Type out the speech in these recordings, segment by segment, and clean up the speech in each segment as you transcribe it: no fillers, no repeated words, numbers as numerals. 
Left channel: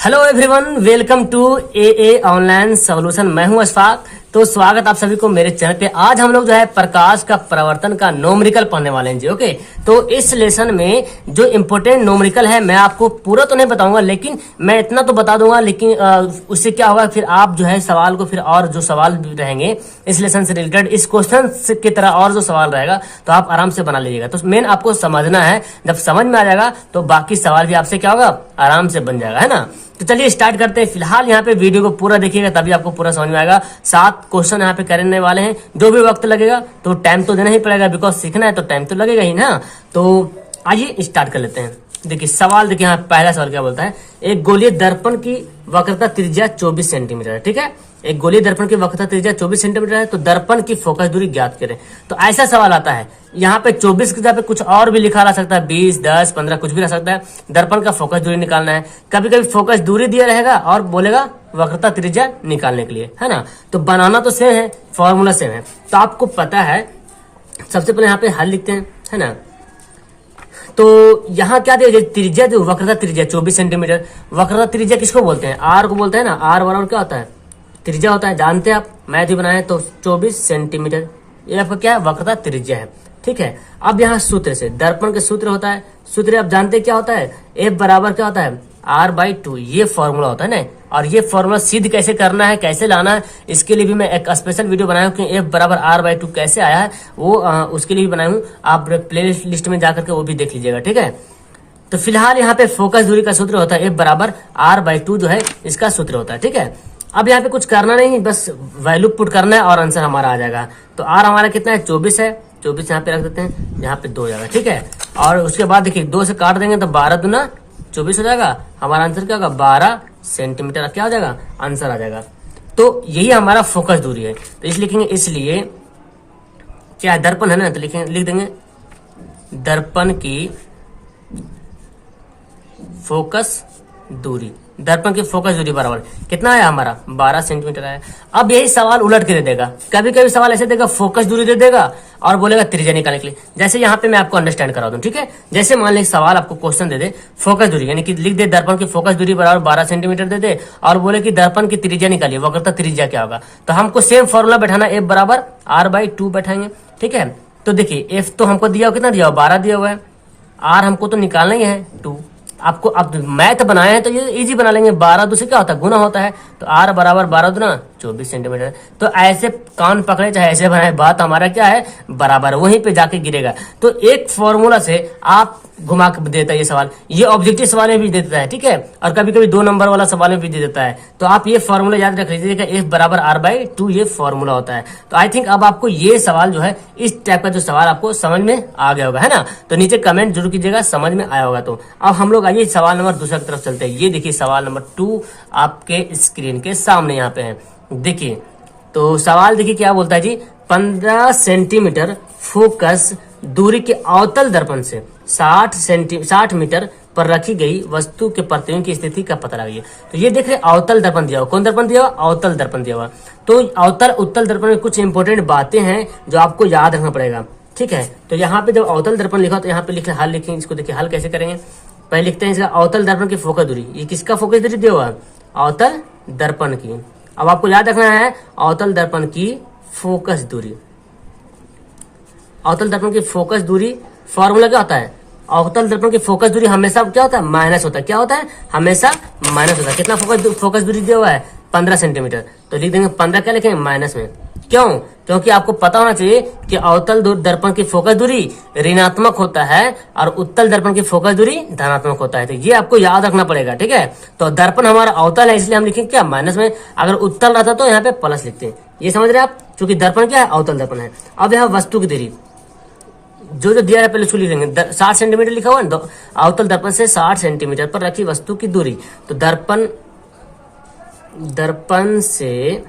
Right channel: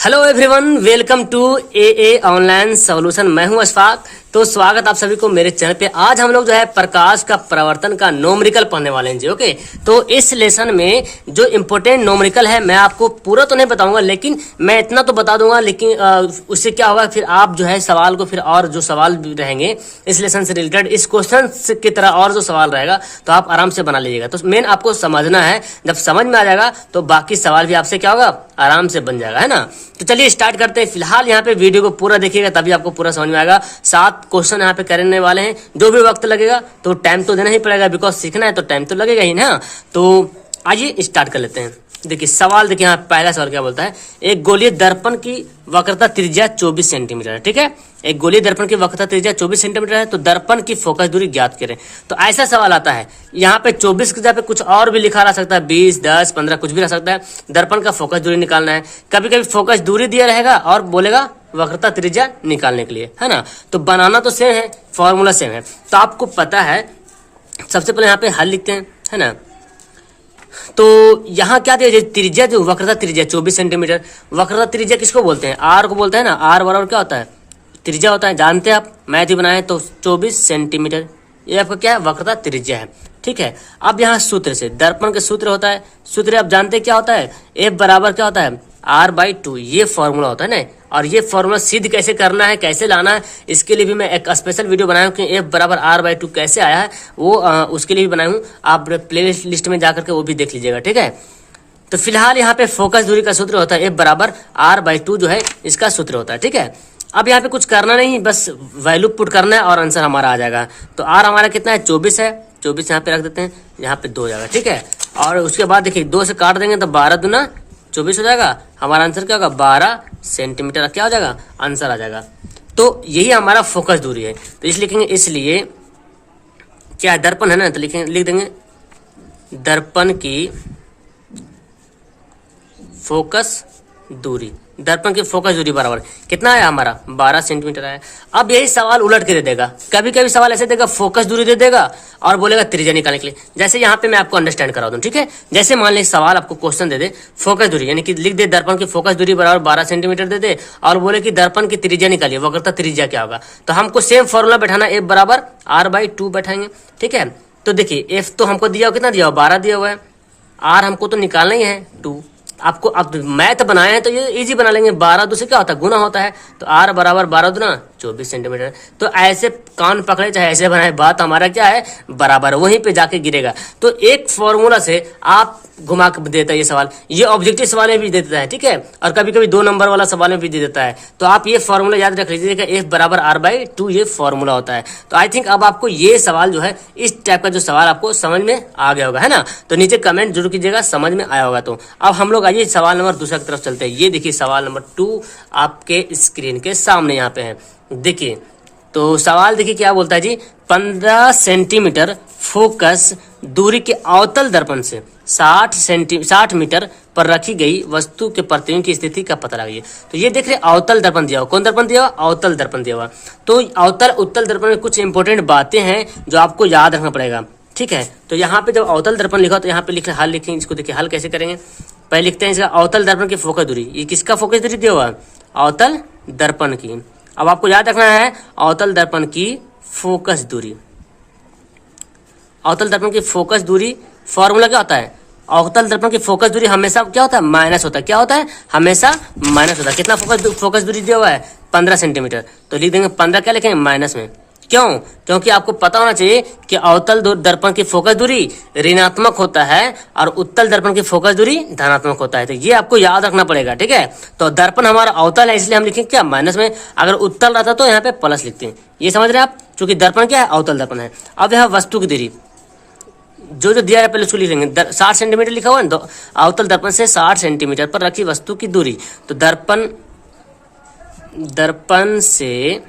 Hello everyone, welcome to a online solution. मैं हूं अशफाक। तो स्वागत आप सभी को मेरे चैनल पे। आज हम लोग जो है प्रकाश का प्रवर्तन का नोमरिकल पढ़ने वाले हैं जी। ओके, तो इस लेसन में जो इम्पोर्टेंट नोमरिकल है मैं आपको पूरा तो नहीं बताऊंगा, लेकिन मैं इतना तो बता दूंगा। लेकिन उससे क्या होगा, फिर आप जो है सवाल को फिर और जो सवाल रहेंगे इस लेसन से रिलेटेड, इस क्वेश्चन की तरह और जो सवाल रहेगा तो आप आराम से बना लीजिएगा। तो मेन आपको समझना है, जब समझ में आ जाएगा तो बाकी सवाल भी आपसे क्या होगा, आराम से बन जाएगा, है ना। तो चलिए स्टार्ट करते हैं। फिलहाल यहाँ पे वीडियो को पूरा देखिएगा तभी आपको पूरा समझ में आएगा। 7 क्वेश्चन यहाँ पे करने वाले हैं। जो भी वक्त लगेगा तो टाइम तो देना ही पड़ेगा, बिकॉज सीखना है तो टाइम तो लगेगा ही ना। तो आइए स्टार्ट कर लेते हैं। देखिए सवाल, देखिए यहाँ पहला सवाल क्या बोलता है। एक गोलीय दर्पण की वक्रता त्रिज्या 24 सेंटीमीटर है। ठीक है, एक गोलीय दर्पण की वक्रता त्रिज्या 24 सेंटीमीटर है, तो दर्पण की फोकस दूरी ज्ञात करें। तो ऐसा सवाल आता है, यहाँ पे 24 की जगह पे कुछ और भी लिखा रह सकता है, 20, 10, 15 कुछ भी रह सकता है। दर्पण का फोकस दूरी निकालना है। कभी कभी फोकस दूरी दिया रहेगा और बोलेगा वक्रता त्रिज्या निकालने के लिए, है ना। तो बनाना तो सेम है, फॉर्मूला सेम है। तो आपको पता है, सबसे पहले यहाँ पे हल लिखते हैं, है ना। तो यहाँ क्या दिया, त्रिज्या जो वक्रता त्रिज्या 24 सेंटीमीटर। वक्रता त्रिज्या किसको बोलते हैं, आर को बोलते हैं ना। आर बराबर क्या होता है, त्रिज्या होता है, जानते हैं आप, मैथ ही बनाए तो 24 सेंटीमीटर ये आपका क्या है, वक्रता त्रिज्या है। ठीक है, अब यहाँ सूत्र से, दर्पण के सूत्र होता है, सूत्र आप जानते हैं क्या होता है, एफ बराबर क्या होता है, R/2। ये फॉर्मूला होता है ना। और ये फॉर्मूला सिद्ध कैसे करना है, कैसे लाना है, इसके लिए भी मैं एक स्पेशल वीडियो बनाया हूँ कि एफ बराबर R/2 कैसे आया है, वो उसके लिए भी बनाया हूँ। आप प्ले लिस्ट में जाकर के वो भी देख लीजिएगा। ठीक है, तो फिलहाल यहाँ पे फोकस दूरी का सूत्र होता है एफ बराबर R/2 जो है इसका सूत्र होता है। ठीक है, अब यहाँ पे कुछ करना नहीं, बस वैल्यू पुट करना है और आंसर हमारा आ जाएगा। तो आर हमारा कितना है, 24 है। 24 यहाँ पे रख देते हैं, यहाँ पे 2 हो जाएगा। ठीक है, और उसके बाद देखिए 2 से काट देंगे तो 12 दूना 24 हो जाएगा। हमारा आंसर क्या होगा, 12 सेंटीमीटर क्या हो जाएगा, आंसर आ जाएगा। तो यही हमारा फोकस दूरी है। तो इस लिखेंगे, इसलिए क्या दर्पण है ना, तो लिख देंगे दर्पण की फोकस दूरी। दर्पण की फोकस दूरी बराबर कितना है हमारा, 12 सेंटीमीटर है। अब यही सवाल उलट के दे देगा। कभी कभी सवाल ऐसे देगा, फोकस दूरी दे देगा और बोलेगा त्रिज्या निकालने के लिए। जैसे यहाँ पे मैं आपको अंडरस्टैंड करा दूं। ठीक है, जैसे मान लीजिए सवाल आपको क्वेश्चन दे दे फोकस दूरी, यानी कि लिख दे दर्पण की फोकस दूरी बराबर 12 सेंटीमीटर दे दे और बोले कि दर्पण की त्रिज्या निकालिए, वक्रता त्रिज्या क्या होगा। तो हमको सेम फॉर्मूला बैठाना, एफ बराबर R/2 बैठाएंगे। ठीक है, तो देखिए एफ तो हमको दिया, कितना दिया, 12 दिया हुआ है। आर हमको तो निकालना ही है 2। आपको अब मैथ बनाए हैं तो ये इजी बना लेंगे। 12 दूसरे क्या होता है, गुना होता है। तो आर बराबर 12 दूना 24 सेंटीमीटर। तो ऐसे कान पकड़े चाहे ऐसे बनाए, बात हमारा क्या है, बराबर वहीं पे जाके गिरेगा। तो एक फॉर्मूला से आप घुमा कर देता है ये सवाल। ये ऑब्जेक्टिव सवाल में भी दे देता है। ठीक है, और कभी कभी 2 नंबर वाला सवाल में भी दे देता है। तो आप ये फॉर्मूला याद रख लीजिएगा, एफ बराबर R/2 ये फॉर्मूला होता है। तो आई थिंक अब आपको ये सवाल जो है, इस टाइप का जो सवाल आपको समझ में आ गया होगा, है ना। तो नीचे कमेंट जरूर कीजिएगा समझ में आया होगा। तो अब हम लोग आइए सवाल नंबर दूसरा की तरफ चलते हैं। ये देखिए सवाल नंबर 2 आपके स्क्रीन के सामने यहाँ पे है। देखिए तो सवाल देखिए क्या बोलता है जी, 15 सेंटीमीटर फोकस दूरी के अवतल दर्पण से 60 मीटर पर रखी गई वस्तु के प्रतिबिंब की स्थिति का पता लगाइए। तो ये देख रहे अवतल दर्पण दिया हुआ, कौन दर्पण दिया हुआ, अवतल दर्पण दिया हुआ। तो अवतल उत्तल दर्पण में कुछ इंपोर्टेंट बातें हैं जो आपको याद रखना पड़ेगा। ठीक है, तो यहाँ पे जब अवतल दर्पण लिखा तो यहाँ पे लिखे हल लिखेंगे। इसको देखिए हल कैसे करेंगे, पहले लिखते हैं इसका अवतल दर्पण की फोकस दूरी। ये किसका फोकस दूरी दिया हुआ, अवतल दर्पण की। अब आपको याद रखना है अवतल दर्पण की फोकस दूरी। अवतल दर्पण की फोकस दूरी फॉर्मूला क्या होता है, अवतल दर्पण की फोकस दूरी हमेशा क्या होता है, माइनस होता है। क्या होता है, हमेशा माइनस होता है। कितना फोकस दूरी दिया हुआ है, 15 सेंटीमीटर। तो लिख देंगे 15 क्या लिखेंगे, माइनस में। क्यों, क्योंकि आपको पता होना चाहिए कि अवतल दर्पण की फोकस दूरी ऋणात्मक होता है और उत्तल दर्पण की फोकस दूरी धनात्मक होता है। तो ये आपको याद रखना पड़ेगा। ठीक है, तो दर्पण हमारा अवतल है इसलिए हम लिखेंगे क्या, माइनस में। अगर उत्तल रहता तो यहाँ पे प्लस लिखते हैं। ये समझ रहे हैं आप, क्योंकि दर्पण क्या है, अवतल दर्पण है। अब यहाँ वस्तु की दूरी जो दिया है पहले उसको लिख लेंगे। 60 सेंटीमीटर लिखा हुआ है, अवतल दर्पण से 60 सेंटीमीटर पर रखी वस्तु की दूरी। तो दर्पण से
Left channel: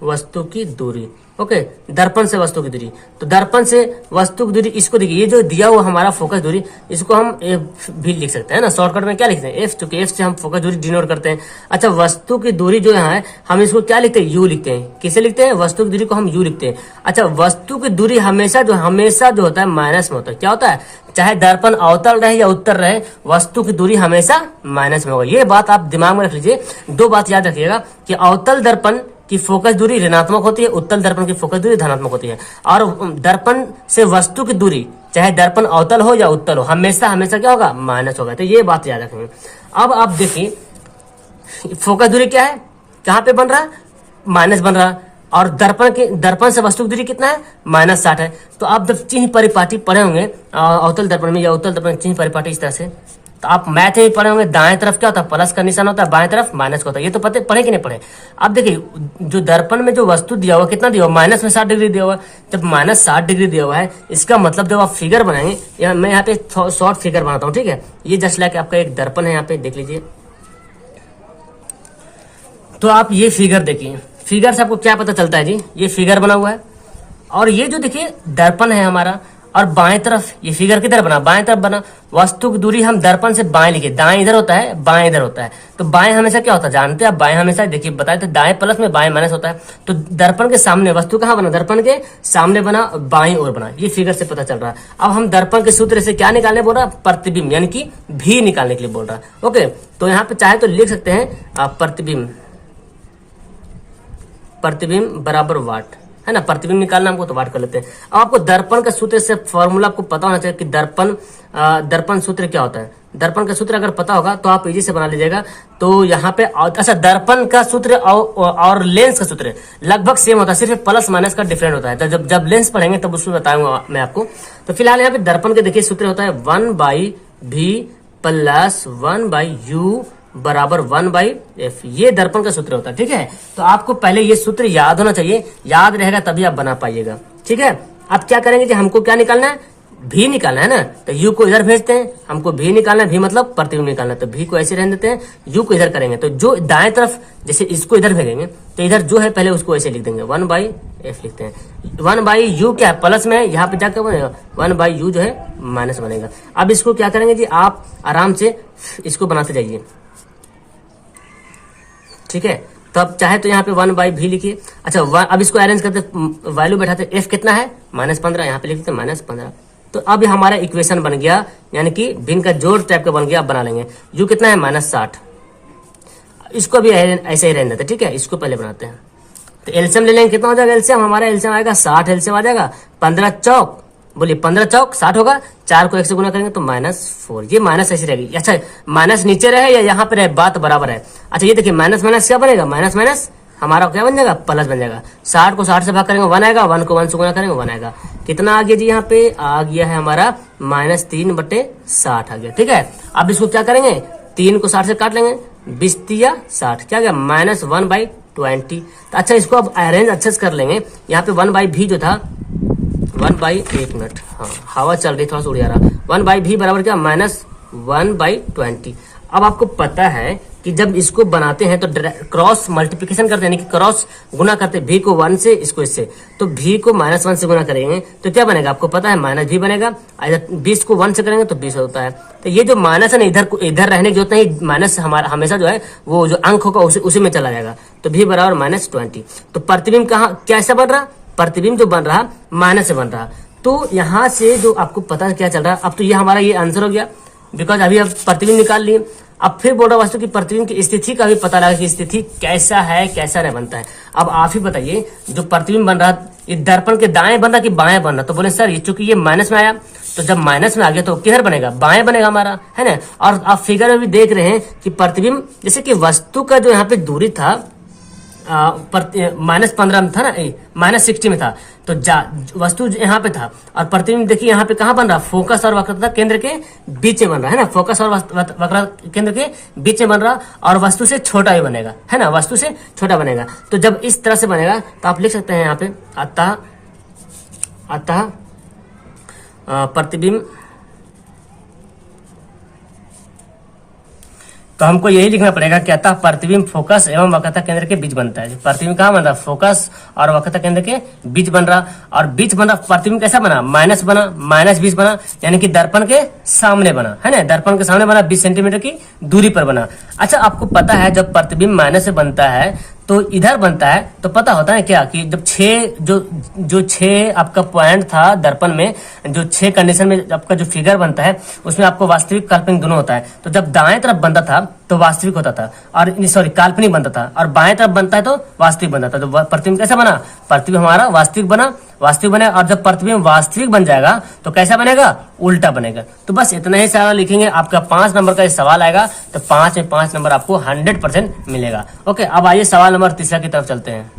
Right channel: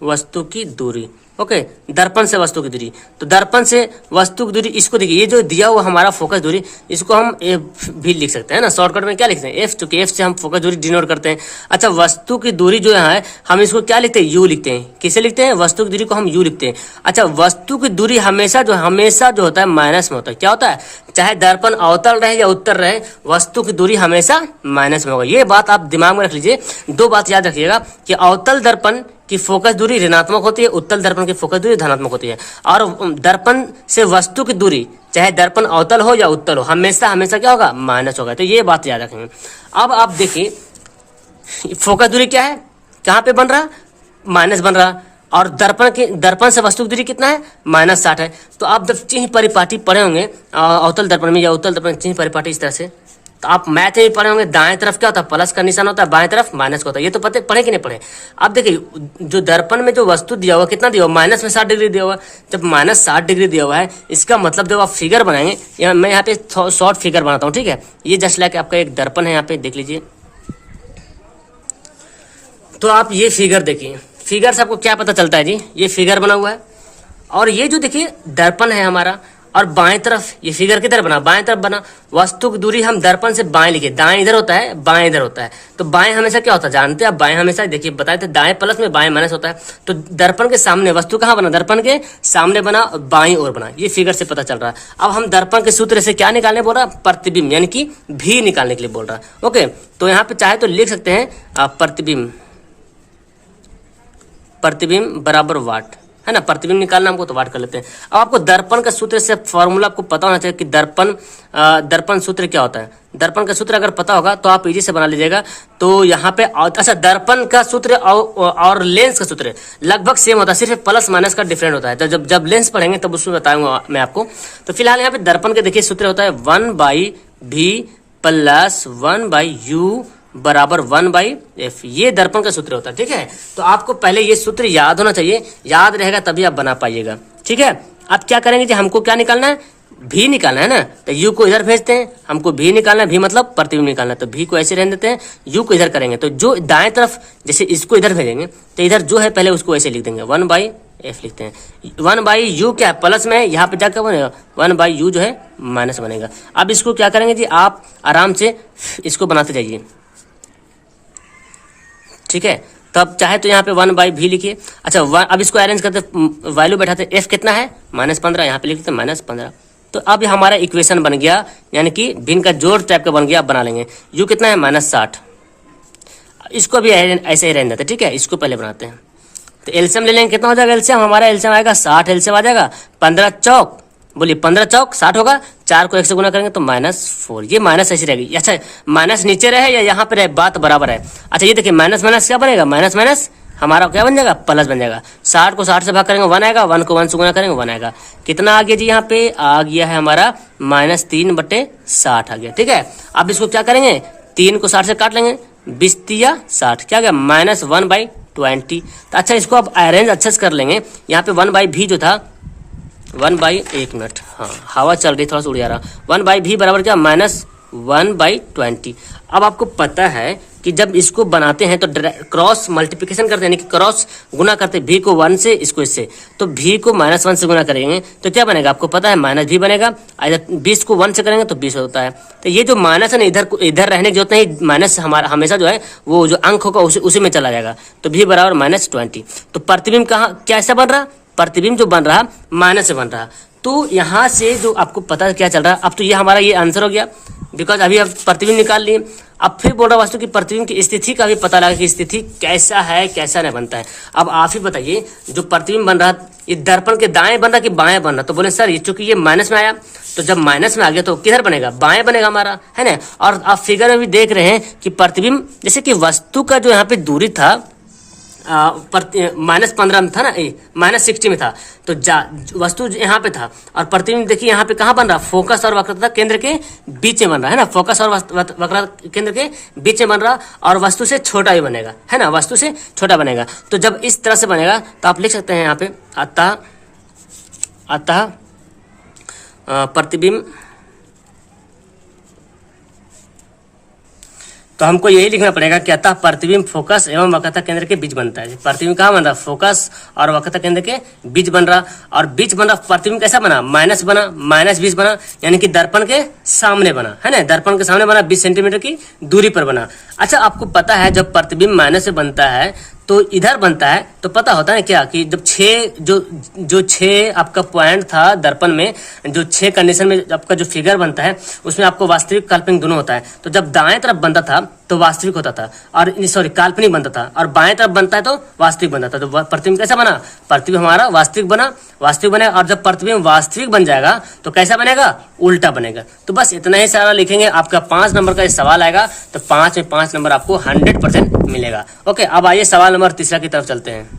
वस्तु की दूरी, ओके, दर्पण से वस्तु की दूरी। तो दर्पण से वस्तु की दूरी, इसको देखिए, ये जो दिया हुआ हमारा फोकस दूरी, इसको हम एफ भी लिख सकते हैं ना, शॉर्टकट में क्या लिखते हैं एफ, क्योंकि एफ से हम फोकस दूरी डिनोट करते हैं। अच्छा, वस्तु की दूरी जो यहाँ है हम इसको क्या लिखते हैं, यू लिखते हैं। किसे लिखते हैं, वस्तु की दूरी को हम यू लिखते हैं। अच्छा, वस्तु की दूरी हमेशा जो होता है माइनस में होता है। क्या होता है, चाहे दर्पण अवतल रहे या उत्तर रहे, वस्तु की दूरी हमेशा माइनस में होगा। ये बात आप दिमाग में रख लीजिए। दो बात याद रखिएगा कि अवतल दर्पण की फोकस दूरी ऋणात्मक होती है, उत्तल दर्पण की फोकस दूरी धनात्मक होती है। और दर्पण से वस्तु की दूरी, चाहे दर्पण अवतल हो या उत्तल हो, हमेशा हमेशा क्या होगा, माइनस होगा। तो ये बात याद रखेंगे। अब आप देखिए फोकस दूरी क्या है, कहाँ पे बन रहा है, माइनस बन रहा। और दर्पण से वस्तु की दूरी कितना है, -60 है। तो आप जब चिन्ह परिपाटी पढ़े होंगे अवतल दर्पण में या उत्तल दर्पण चिन्ह परिपाटी इस तरह से, तो आप मैथ में पढ़े होंगे, दाएं तरफ क्या होता है, प्लस का निशान होता है, बाएं तरफ माइनस का होता है। ये तो पढ़े कि नहीं पढ़े। अब देखिए जो दर्पण में जो वस्तु दिया हुआ कितना दिया हुआ, माइनस में 60 डिग्री दिया हुआ है। जब -60 डिग्री दिया हुआ है, इसका मतलब जब आप फिगर बनाएंगे, मैं यहाँ पे शॉर्ट फिगर बनाता हूँ, ठीक है। ये जस्ट लाइक आपका एक दर्पण है, यहाँ पे देख लीजिए। तो आप ये फिगर देखिए, फिगर से आपको क्या पता चलता है जी, ये फिगर बना हुआ है और ये जो देखिए दर्पण है हमारा, और बाएं तरफ ये फिगर किधर बना, बाएं तरफ बना। वस्तु की दूरी हम दर्पण से बाएं लिखे, दाएं इधर होता है, बाएं इधर होता है। तो बाएं हमेशा क्या होता है, जानते हैं आप, बाएं हमेशा देखिए बताए थे, दाएं प्लस में बाएं माइनस होता है। तो दर्पण के सामने वस्तु कहाँ बना, दर्पण के सामने बना, बाईं ओर बना। ये फिगर से पता चल रहा है। अब हम दर्पण के सूत्र से क्या निकालने बोल रहा है, प्रतिबिंब, यानी कि भी निकालने के लिए बोल रहा है। ओके, तो यहाँ पे चाहे तो लिख सकते हैं प्रतिबिंब बराबर वाट, है ना। प्रतिबिंब निकालना हमको, तो वाट कर लेते हैं। अब आपको दर्पण का सूत्र से फॉर्मूला आपको पता होना चाहिए कि दर्पण सूत्र क्या होता है। दर्पण का सूत्र अगर पता होगा तो आप इजी से बना लीजिएगा। तो यहाँ पे अच्छा, दर्पण का सूत्र और लेंस का सूत्र लगभग सेम होता है, सिर्फ प्लस माइनस का डिफरेंट होता है। तो जब लेंस पढ़ेंगे तब उसमें बताऊंगा मैं आपको। तो फिलहाल यहाँ पे दर्पण के देखिए सूत्र होता है 1/v प्लस 1/u बराबर 1/f। ये दर्पण का सूत्र होता है, ठीक है। तो आपको पहले ये सूत्र याद होना चाहिए, याद रहेगा तभी आप बना पाइएगा, ठीक है। अब क्या करेंगे जी, हमको क्या निकालना है, भी निकालना है ना। तो यू को इधर भेजते हैं, हमको भी निकालना है, भी मतलब प्रतिबिंब निकालना है। तो भी को ऐसे रहने देते हैं, यू को इधर करेंगे। तो जो दाएं तरफ जैसे इसको इधर भेजेंगे, तो इधर जो है पहले उसको ऐसे लिख देंगे, 1/f लिखते हैं। 1/u क्या है, प्लस में, यहाँ पे जाकर बनेगा 1/u जो है माइनस बनेगा। अब इसको क्या करेंगे जी, आप आराम से इसको बनाते जाइए, ठीक है। तो अब चाहे तो यहाँ पे 1/v लिखिए। अच्छा, अब इसको अरेंज करते, वैल्यू बैठाते, f कितना है, -15, यहाँ पे लिख देते -15। तो अब हमारा इक्वेशन बन गया, यानी कि भिन्न का जोड़ टाइप का बन गया। अब बना लेंगे, u कितना है, -60। इसको भी ऐसे ही रहने देते, ठीक है। इसको पहले बनाते हैं। तो एलसीएम ले लेंगे, कितना हो जाएगा एलसीएम, हमारा एलसीएम आएगा 60, एलसीएम आ जाएगा 15 चौक, बोलिए 15 चौक 60 होगा। 4 को 1 से गुना करेंगे तो -4, ये माइनस ऐसी रहेगी। अच्छा, माइनस नीचे रहे या यहाँ पे रहे, बात बराबर है। अच्छा, ये देखिए माइनस माइनस क्या बनेगा, माइनस माइनस हमारा क्या बन जाएगा, प्लस बन जाएगा। 60 को 60 से भाग करेंगे 1 आएगा, 1 को 1 से गुना करेंगे 1 आएगा। कितना आ गया जी, यहाँ पे आ गया है हमारा -3/60 आ गया, ठीक है। अब इसको क्या करेंगे, 3 को 60 से काट लेंगे, 20 या 60, क्या गया, -1/20। तो अच्छा, इसको अब अरेंज अच्छे से कर लेंगे। यहाँ पे 1/v जो था, 1/1 मिनट, हाँ हवा चल रही, थोड़ा सा उड़ जा रहा। 1/v बराबर क्या, -1/20। अब आपको पता है कि जब इसको बनाते हैं तो क्रॉस मल्टीप्लिकेशन करते हैं, यानी कि क्रॉस गुना करते हैं, भी को 1 से, इसको इससे। तो भी को -1 से गुना करेंगे तो क्या बनेगा, आपको पता है -v बनेगा। इधर 20 को 1 से करेंगे तो 20 होता है। तो ये जो माइनस है ना, इधर रहने की जरूरत नहीं, माइनस हमारा हमेशा जो है वो जो अंक होगा उसी में चला जाएगा। तो v बराबर -20। तो प्रतिबिंब कहाँ कैसा बन रहा, प्रतिबिंब जो बन रहा माइनस से बन रहा। तो यहाँ से जो आपको पता क्या चल रहा, अब तो ये हमारा ये आंसर हो गया, बिकॉज अभी अब प्रतिबिंब निकाल लिए। अब फिर बोल रहा वस्तु की प्रतिबिंब की स्थिति का भी पता लगा कि स्थिति कैसा है, कैसा नहीं बनता है। अब आप ही बताइए, जो प्रतिबिंब बन रहा ये दर्पण के दाएं बन रहा कि बाएं बन रहा। तो बोले सर, ये चूंकि ये माइनस में आया, तो जब माइनस में आ गया तो किधर बनेगा, बाएं बनेगा हमारा, है ना। और आप फिगर में भी देख रहे हैं कि प्रतिबिंब, जैसे कि वस्तु का जो यहाँ पे दूरी था -15 में था ना, -60 में था, तो वस्तु यहाँ पे था। और प्रतिबिंब देखिए यहाँ पे कहाँ बन रहा, फोकस और वक्रता केंद्र के बीच में बन रहा है ना, फोकस और वक्रता केंद्र के बीच में बन रहा, और वस्तु से छोटा भी बनेगा, है ना, वस्तु से छोटा बनेगा। तो जब इस तरह से बनेगा तो आप लिख सकते हैं यहाँ पे, अतः तो हमको यही लिखना पड़ेगा कि अतः प्रतिबिंब फोकस एवं वक्रता केंद्र के बीच बनता है। प्रतिबिंब कहाँ बन रहा? फोकस और वक्रता केंद्र के बीच बन रहा, और बीच बन रहा। प्रतिबिंब कैसा बना? माइनस बना, माइनस 20 बना, यानी कि दर्पण के सामने बना, है ना, दर्पण के सामने बना, 20 सेंटीमीटर की दूरी पर बना। अच्छा, आपको पता है जब प्रतिबिंब माइनस से बनता है तो इधर बनता है, तो पता होता है क्या कि जब 6 आपका पॉइंट था दर्पण में, जो 6 कंडीशन में आपका जो फिगर बनता है उसमें आपको वास्तविक काल्पनिक दोनों होता है। तो जब दाएं तरफ बनता था तो वास्तविक होता था, और सॉरी काल्पनिक बनता था, और बाएं तरफ बनता है तो वास्तविक बनता था। तो प्रतिबिंब कैसा बना? प्रतिबिंब हमारा वास्तविक बना, वास्तविक बने, और जब प्रतिबिंब वास्तविक बन जाएगा तो कैसा बनेगा? उल्टा बनेगा। तो बस इतना ही सारा लिखेंगे, आपका 5 नंबर का सवाल आएगा, तो 5 में 5 नंबर आपको 100% मिलेगा। ओके, अब आइए सवाल नंबर तीसरा की तरफ चलते हैं।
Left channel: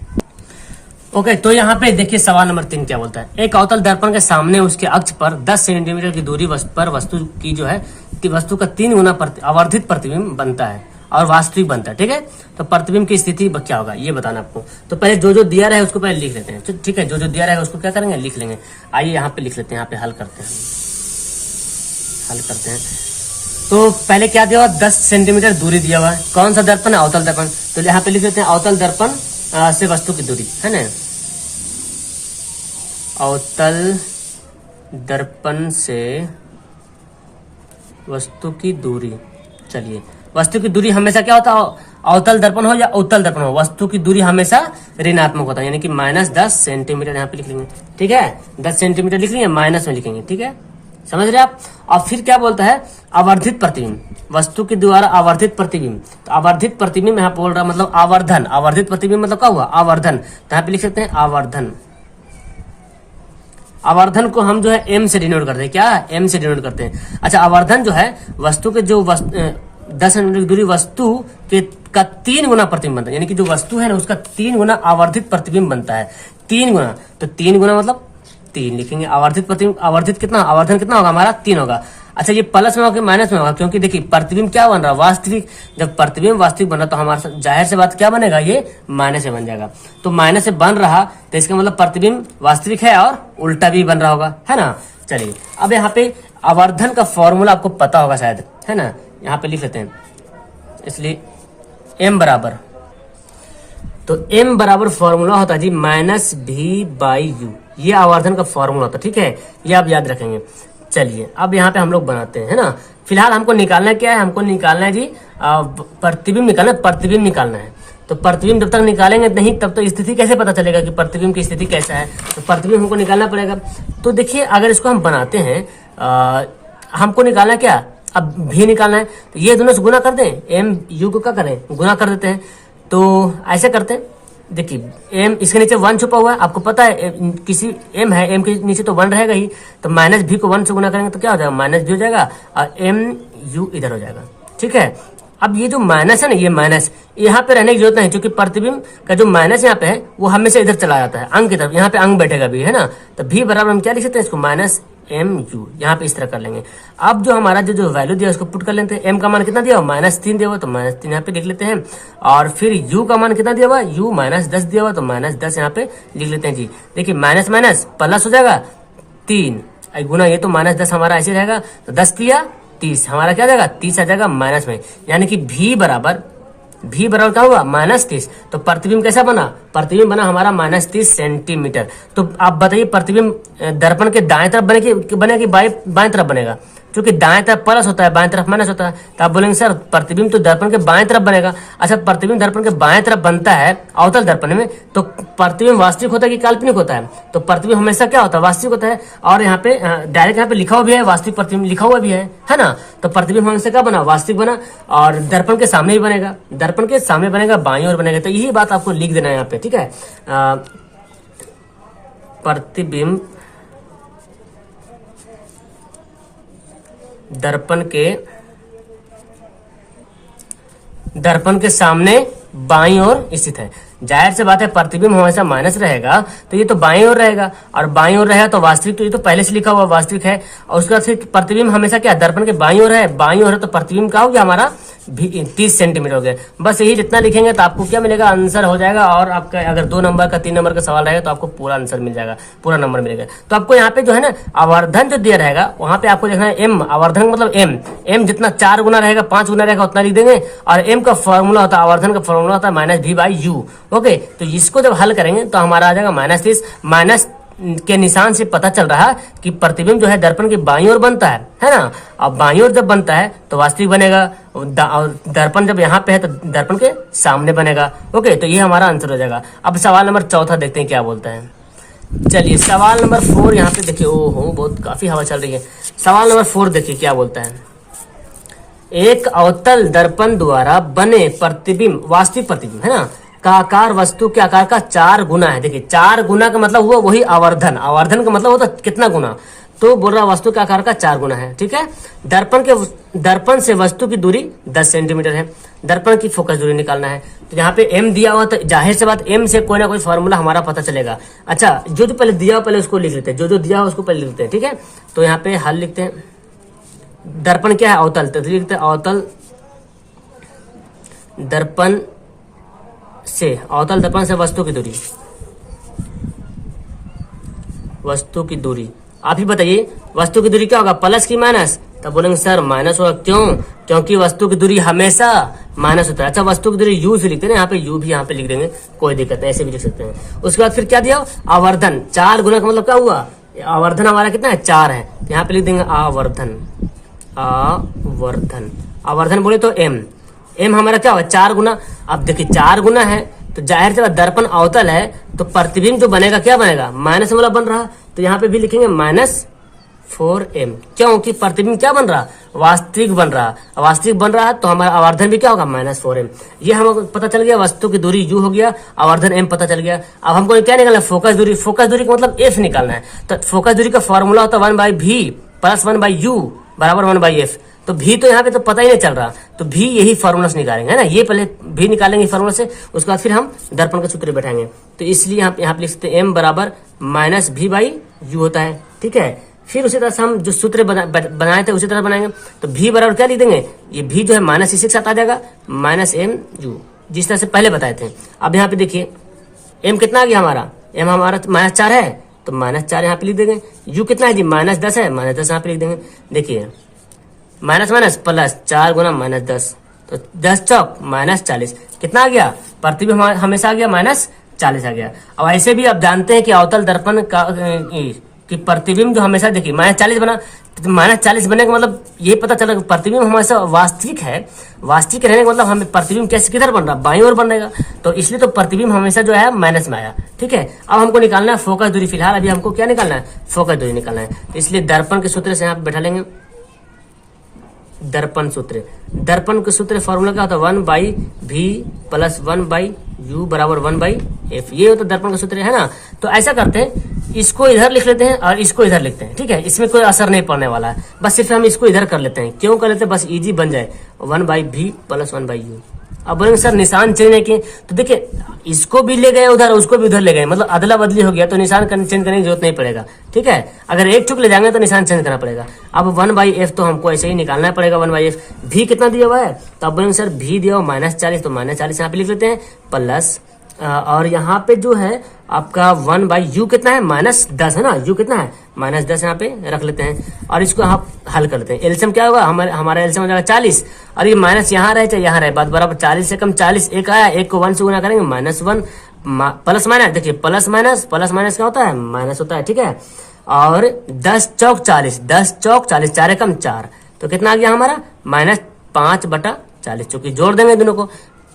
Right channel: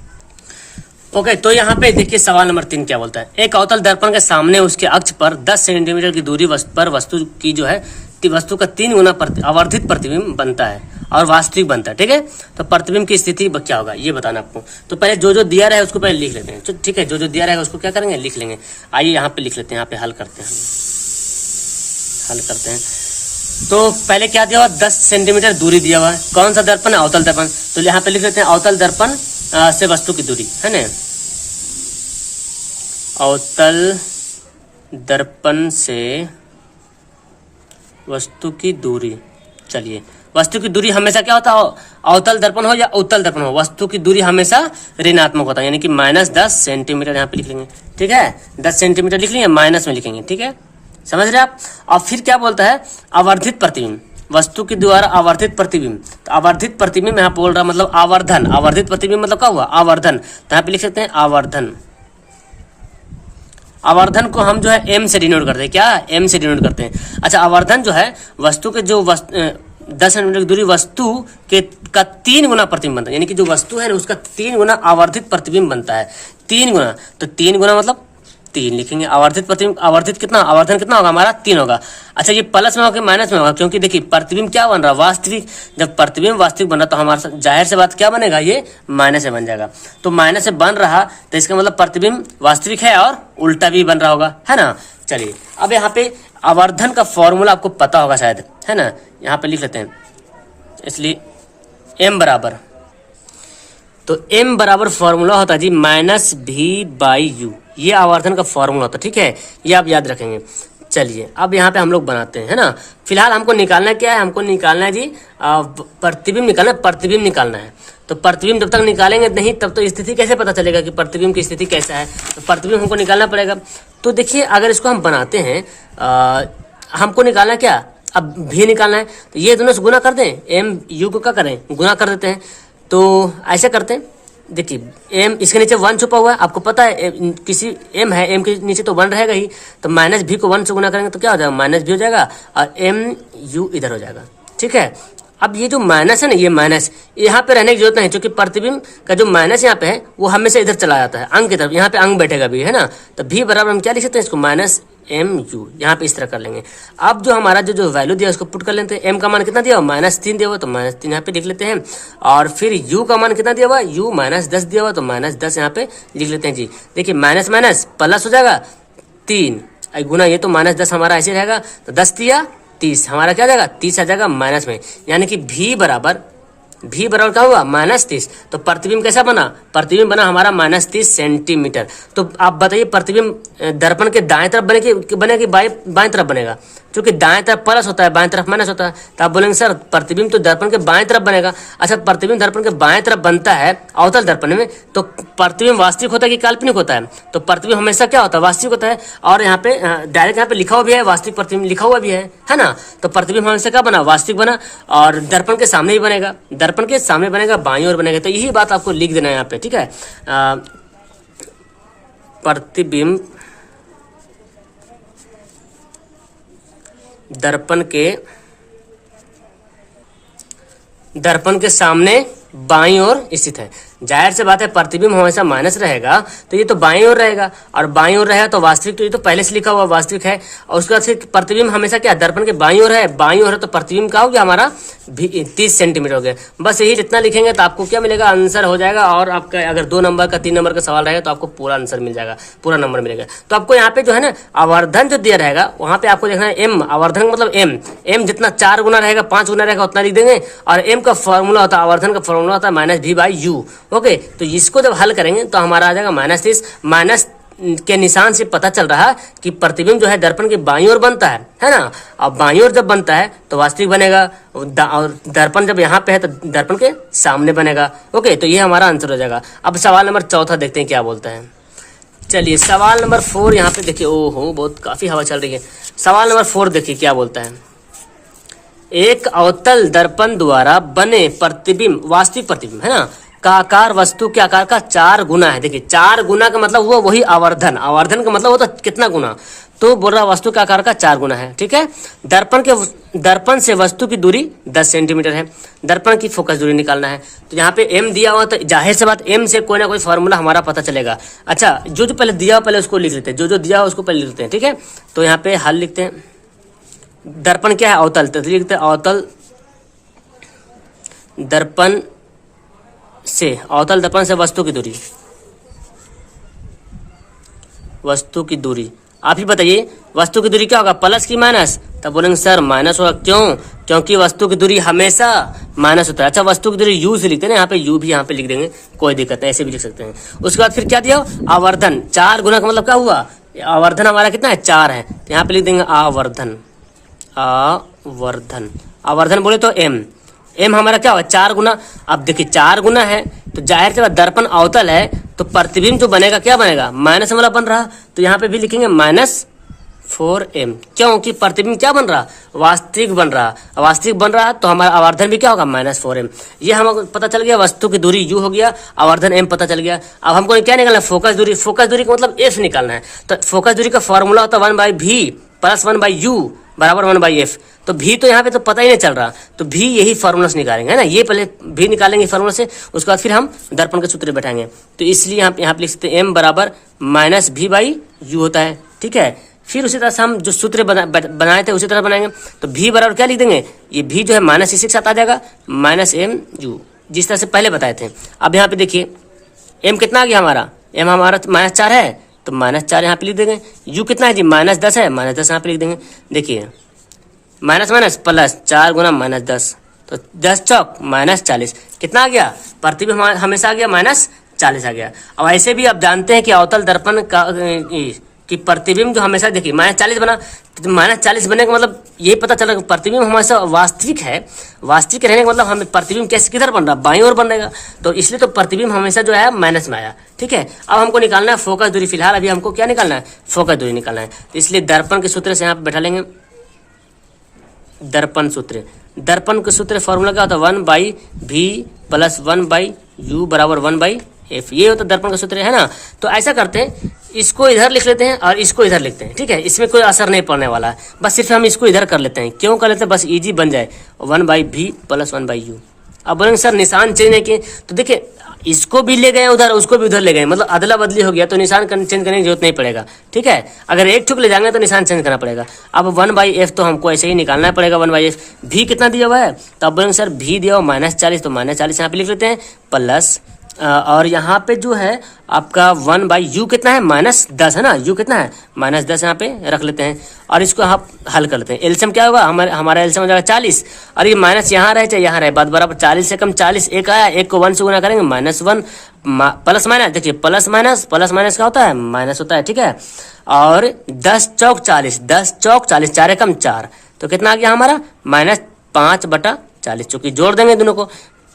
ओके, तो यहाँ पे देखिए सवाल नंबर 3 क्या बोलता है। एक अवतल दर्पण के सामने उसके अक्ष पर 10 सेंटीमीटर की दूरी पर वस्तु की जो है वस्तु का 3 गुना आवर्धित प्रतिबिंब बनता है और वास्तविक बनता है। ठीक है, तो प्रतिबिंब की स्थिति क्या होगा ये बताना आपको। तो पहले जो दिया रहा है उसको पहले लिख लेते हैं। ठीक है, जो दिया रहेगा उसको क्या करेंगे? लिख लेंगे। आइए यहाँ पे लिख लेते हैं, यहाँ पे हल करते हैं। तो पहले क्या दिया हुआ? 10 सेंटीमीटर दूरी दिया हुआ। कौन सा दर्पण है? अवतल दर्पण। तो यहाँ पे लिख लेते हैं अवतल दर्पण से वस्तु की दूरी, है ना, अवतल दर्पण से वस्तु की दूरी। चलिए, वस्तु की दूरी हमेशा क्या होता है? अवतल दर्पण हो या उत्तल दर्पण हो, वस्तु की दूरी हमेशा ऋणात्मक होता है, यानी कि -10 सेंटीमीटर यहाँ पे लिख लेंगे। ठीक है, 10 सेंटीमीटर लिख लेंगे, माइनस में लिखेंगे। ठीक है, समझ रहे आप? और फिर क्या बोलता है? आवर्धित प्रतिबिंब, वस्तु के द्वारा आवर्धित प्रतिबिंब। तो आवर्धित प्रतिबिंब यहाँ पे बोल रहा है मतलब आवर्धन। आवर्धित प्रतिबिंब मतलब क्या हुआ? आवर्धन। तो यहाँ पे लिख सकते हैं आवर्धन। आवर्धन को हम जो है m से डिनोट करते हैं। क्या? m से डिनोट करते हैं। अच्छा, आवर्धन जो है वस्तु के जो 10 सेंटीमीटर की दूरी वस्तु के का 3 गुना प्रतिबिंब बनता है, यानी कि जो वस्तु है ना उसका 3 गुना आवर्धित प्रतिबिंब बनता है। 3 गुना, तो 3 गुना मतलब 3 लिखेंगे। आवर्धित प्रतिबिंब, आवर्धित कितना, आवर्धन कितना होगा हमारा? 3 होगा। अच्छा, ये प्लस में होगा कि माइनस में होगा? क्योंकि देखिए प्रतिबिंब क्या बन रहा है? वास्तविक। जब प्रतिबिंब वास्तविक बन रहा तो हमारा जाहिर से बात क्या बनेगा? ये माइनस से बन जाएगा। तो माइनस से बन रहा तो इसका मतलब प्रतिबिंब वास्तविक है और उल्टा भी बन रहा होगा, है ना। चलिए, अब यहाँ पे आवर्धन का फॉर्मूला आपको पता होगा शायद, है ना, यहाँ पे लिख लेते हैं। इसलिए m बराबर, तो m बराबर फॉर्मूला होता है जी -v/u। ये आवर्धन का फॉर्मूला होता है। ठीक है, ये आप याद रखेंगे। चलिए, अब यहाँ पे हम लोग बनाते हैं, है ना। फिलहाल हमको निकालना क्या है? हमको निकालना है जी प्रतिबिंब निकालना है। तो प्रतिबिंब जब तक निकालेंगे नहीं तब तो स्थिति कैसे पता चलेगा कि प्रतिबिंब की स्थिति कैसा है? तो प्रतिबिंब हमको निकालना पड़ेगा। तो देखिए, अगर इसको हम बनाते हैं, हमको निकालना क्या? अब भी निकालना है, तो ये दोनों से गुना कर दें, m u को क्या करें? गुना कर देते हैं। तो ऐसे करते हैं, देखिए m इसके नीचे 1 छुपा हुआ है, आपको पता है किसी m है, m के नीचे तो 1 रहेगा ही, तो -v को 1 से गुना करेंगे तो क्या हो जाएगा? -v हो जाएगा, और m u इधर हो जाएगा। ठीक है, अब ये जो माइनस है ना, ये माइनस यहाँ पे रहने की जरूरत नहीं, क्योंकि प्रतिबिंब का जो माइनस यहाँ पे है वो हमेशा इधर चला जाता है अंग की तरफ। यहाँ पे अंग बैठेगा भी, है ना। तो v बराबर हम क्या लिख सकते हैं? इसको -mu यहाँ पे इस तरह कर लेंगे। अब जो हमारा जो वैल्यू दिया उसको पुट कर लेते हैं। m का मान कितना दिया हुआ? -3 दिया हुआ, तो -3 यहाँ पे लिख लेते हैं। और फिर u का मान कितना दिया हुआ? u -10 दिया हुआ, तो -10 यहाँ पे लिख लेते हैं जी। देखिए, माइनस माइनस प्लस हो जाएगा 3 गुना, ये तो -10 हमारा ऐसे रहेगा, तो 10 दिया 30, हमारा क्या जाएगा? 30 आ जाएगा माइनस में, यानी कि v बराबर क्या हुआ? -30। तो प्रतिबिंब कैसा बना? प्रतिबिंब बना हमारा -30 सेंटीमीटर। तो आप बताइए, प्रतिबिंब दर्पण के दाएं तरफ बनेगा कि बाएं तरफ बनेगा? क्योंकि दाएं तरफ प्लस होता है, बाएं तरफ माइनस होता है, तो आप बोलेंगे सर प्रतिबिंब तो दर्पण के बाएं तरफ बनेगा। अच्छा, प्रतिबिंब दर्पण के बाएं तरफ बनता है अवतल दर्पण में, तो प्रतिबिंब वास्तविक होता है कि काल्पनिक होता है? तो प्रतिबिंब हमेशा क्या होता है? वास्तविक होता है। और यहाँ पे डायरेक्ट यहाँ पे लिखा हुआ भी है, वास्तविक प्रतिबिंब लिखा हुआ भी है ना। तो प्रतिबिंब हमेशा क्या बना? वास्तविक बना, और दर्पण के सामने ही बनेगा, दर्पण के सामने बनेगा, बाईं ओर बनेगा। तो यही बात आपको लिख देना है यहाँ पे। ठीक है, प्रतिबिंब दर्पण के सामने बाईं ओर स्थित है। जाहिर सी बात है प्रतिबिंब हमेशा माइनस रहेगा तो ये तो बाईं ओर रहेगा, और बाईं ओर रहेगा तो वास्तविक, तो ये तो पहले से लिखा हुआ वास्तविक है। और उसके बाद फिर प्रतिबिंब हमेशा क्या दर्पण के बाईं ओर है, बाईं ओर है तो प्रतिबिंब क्या हो गया हमारा 30 सेंटीमीटर हो गया। बस यही जितना लिखेंगे तो आपको क्या मिलेगा, आंसर हो जाएगा। और आपका अगर 2 नंबर का 3 नंबर का सवाल रहेगा तो आपको पूरा आंसर मिल जाएगा, पूरा नंबर मिलेगा। तो आपको यहाँ पे जो है ना आवर्धन जो दिया रहेगा वहां पे आपको देखना है एम, आवर्धन मतलब एम जितना 4 गुना रहेगा 5 गुना रहेगा उतना लिख देंगे। और एम का फॉर्मूला होता है, आवर्धन का फॉर्मूला होता है -v/u। ओके, तो इसको जब हल करेंगे तो हमारा आ जाएगा -30। माइनस के निशान से पता चल रहा है कि प्रतिबिंब जो है दर्पण के बाईं ओर बनता है ना। अब बाईं ओर जब बनता है तो वास्तविक बनेगा, और दर्पण जब यहाँ पे है तो दर्पण के सामने बनेगा। ओके, तो ये हमारा आंसर हो जाएगा। अब सवाल नंबर 4 देखते हैं क्या बोलता है। चलिए सवाल नंबर 4 यहाँ पे देखिए, ओहो बहुत काफी हवा चल रही है। सवाल नंबर 4 देखिए क्या बोलता है। एक अवतल दर्पण द्वारा बने प्रतिबिंब, वास्तविक प्रतिबिंब है ना, का आकार वस्तु के आकार का 4 गुना है। देखिए 4 गुना का मतलब हुआ वही आवर्धन, आवर्धन का मतलब होता कितना गुना, तो बोल रहा वस्तु का आकार का 4 गुना है। ठीक है, दर्पण से वस्तु की दूरी 10 सेंटीमीटर है। दर्पण की फोकस दूरी निकालना है। तो यहाँ पे एम दिया हुआ, तो जाहिर सी बात एम से कोई ना कोई फॉर्मूला हमारा पता चलेगा। अच्छा, जो पहले दिया हुआ पहले उसको लिख लेते हैं, जो दिया हुआ उसको पहले लिख लेते हैं। ठीक है, तो यहाँ पे हल लिखते हैं। दर्पण क्या है, अवतल, तो लिखते हैं अवतल दर्पण से, अवतल दर्पण से वस्तु की दूरी, वस्तु की दूरी। आप ही बताइए वस्तु की दूरी क्या होगा, प्लस की माइनस? तब बोलेंगे सर माइनस होगा, क्यों? क्योंकि वस्तु की दूरी हमेशा माइनस होता है। अच्छा, वस्तु की दूरी यू से लिखते हैं ना, यहाँ पे यू भी यहाँ पे लिख देंगे, कोई दिक्कत नहीं, ऐसे भी लिख सकते हैं। उसके बाद फिर क्या दिया, आवर्धन 4 गुना का मतलब क्या हुआ, आवर्धन हमारा कितना है 4 है, तो यहाँ पे लिख देंगे आवर्धन। आवर्धन, आवर्धन बोले तो एम हमारा क्या होगा 4 गुना। अब देखिए 4 गुना है तो जाहिर से दर्पण अवतल है तो प्रतिबिंब जो बनेगा क्या बनेगा, माइनस वाला बन रहा, तो यहाँ पे भी लिखेंगे -4m। क्योंकि प्रतिबिंब क्या बन रहा, वास्तविक बन रहा, वास्तविक बन रहा तो हमारा आवर्धन भी क्या होगा -4m। ये हमको पता चल गया, वस्तु की दूरी u हो गया, आवर्धन m पता चल गया। अब हमको क्या निकालना है, फोकस दूरी। फोकस दूरी का मतलब f निकालना है। तो फोकस दूरी का फॉर्मूला होता है 1/v + 1/u बराबर 1/f। तो भी तो यहाँ पे तो पता ही नहीं चल रहा, तो भी यही फॉर्मूला से निकालेंगे है ना, ये पहले भी निकालेंगे फॉर्मूला से, उसके बाद फिर हम दर्पण के सूत्र बैठाएंगे। तो इसलिए यहाँ पे लिख सकते हैं m बराबर -v/u होता है। ठीक है, फिर उसी तरह से हम जो सूत्र बनाए थे उसी तरह बनाएंगे। तो v बराबर क्या लिख देंगे, ये v जो है माइनस इसी के साथ आ जाएगा, -mu, जिस तरह से पहले बताए थे। अब यहाँ पे देखिए m कितना आ गया हमारा, m हमारा -4 है तो -4 यहाँ पे लिख देंगे। u कितना है जी, -10 है, -10 यहाँ पे लिख देंगे। देखिए माइनस माइनस प्लस 4 गुना -10, तो 10 चौक -40, कितना आ गया, प्रतिबिंब हमेशा आ गया -40 आ गया। अब ऐसे भी आप जानते हैं कि अवतल दर्पण का कि प्रतिबिंब जो हमेशा देखिए -40 बना, तो -40 बनने का मतलब ये पता चला कि प्रतिबिंब हमेशा वास्तविक है। वास्तविक रहने का मतलब हमें प्रतिबिंब कैसे किधर बन रहा, बाईं ओर बनेगा, तो इसलिए तो प्रतिबिंब हमेशा जो है माइनस में आया। ठीक है, अब हमको निकालना है फोकस दूरी। फिलहाल अभी हमको क्या निकालना है, फोकस दूरी निकालना है। तो इसलिए दर्पण के सूत्र से यहाँ पे बैठा लेंगे, दर्पण सूत्र। दर्पण के सूत्र फॉर्मूला क्या होता है, 1/v + 1/u बराबर 1/f, ये होता है दर्पण का सूत्र है ना। तो ऐसा करते हैं, इसको इधर लिख लेते हैं और इसको इधर लिखते हैं। ठीक है, इसमें कोई असर नहीं पड़ने वाला है, बस सिर्फ हम इसको इधर कर लेते हैं। क्यों कर लेते हैं, बस इजी बन जाए, 1/v + 1/u। अब बोलेंगे सर निशान चेंज है कि, तो देखिए इसको भी ले गए उधर, उसको भी उधर ले गए, मतलब अदला बदली हो गया, तो निशान चेंज करने की जरूरत नहीं पड़ेगा। ठीक है, अगर एक ठुक ले जाएंगे तो निशान चेंज करना पड़ेगा। अब 1/f तो हमको ऐसे ही निकालना पड़ेगा, 1/f। भी कितना दिया हुआ है, तो अब बोलेंगे सर भी दिया हुआ -40, तो -40 यहाँ पे लिख लेते हैं, प्लस और यहाँ पे जो है आपका 1/u कितना है, -10 है ना, u कितना है -10 यहाँ पे रख लेते हैं। और इसको आप हल कर लेते हैं। एलसीएम क्या होगा, हमारा एलसीएम हो जाएगा 40, और ये माइनस यहाँ रहे चाहे यहाँ रहे, बात बराबर। 40 से कम 40 एक आया, एक को 1 से गुना करेंगे -1, प्लस माइनस, देखिए प्लस माइनस क्या होता है, माइनस होता है। ठीक है, और 10 चौक 40, 10 चौक 40, 4 कम 4, तो कितना आ गया हमारा -5/40, चूंकि जोड़ देंगे दोनों को,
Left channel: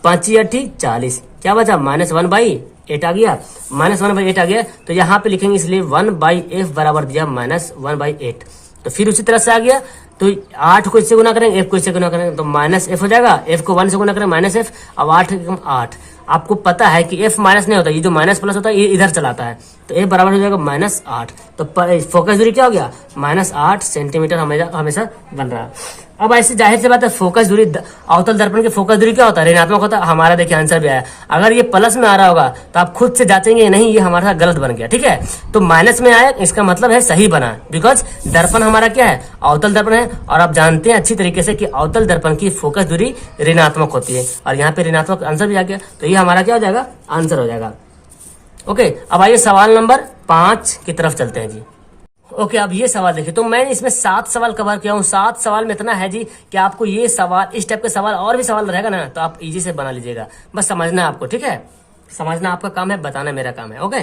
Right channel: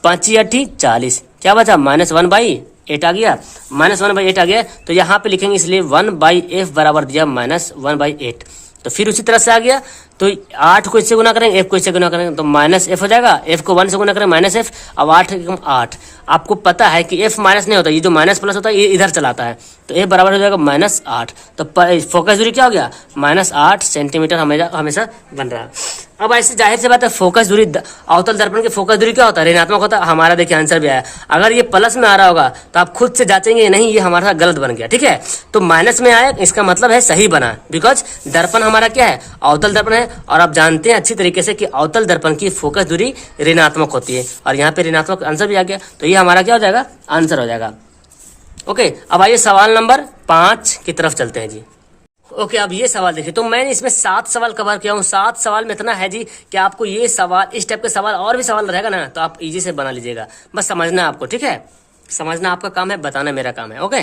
5 8 40, क्या बचा -1/8 आ गया, -1/8 आ गया। तो यहाँ पे लिखेंगे इसलिए 1/f बराबर दिया -1/8। तो फिर उसी तरह से आ गया, तो 8 को इससे गुना करेंगे, f को इससे गुना करेंगे, तो -f हो जाएगा, f को 1 से गुना करेंगे -f। अब 8 आपको पता है कि f माइनस नहीं होता, ये जो माइनस प्लस होता है ये इधर चलाता है, तो f बराबर हो जाएगा -8। तो फोकस दूरी क्या हो गया, -8 सेंटीमीटर हमेशा बन रहा है। अब ऐसे जाहिर सी बात है, फोकस दूरी अवतल दर्पण की फोकस दूरी क्या होता है, ऋणात्मक होता है। हमारा देखिए आंसर भी आया। अगर ये प्लस में आ रहा होगा तो आप खुद से जांचेंगे नहीं ये हमारा गलत बन गया, ठीक है। तो माइनस में आया इसका मतलब है सही बना, बिकॉज दर्पण हमारा क्या है, अवतल दर्पण है। और आप जानते हैं अच्छी तरीके से कि अवतल दर्पण की फोकस दूरी ऋणात्मक होती है, और यहाँ पे ऋणात्मक आंसर भी आ गया। तो ये हमारा क्या हो जाएगा, आंसर हो जाएगा। ओके, अब आइए सवाल नंबर 5 की तरफ चलते हैं जी। ओके, अब ये सवाल देखिए, तो मैंने इसमें 7 सवाल कवर किया हूँ। 7 सवाल में इतना है जी कि आपको ये सवाल, इस टाइप के सवाल और भी सवाल रहेगा ना तो आप इजी से बना लीजिएगा। बस समझना है आपको, ठीक है। समझना आपका काम है, बताना मेरा काम है। ओके,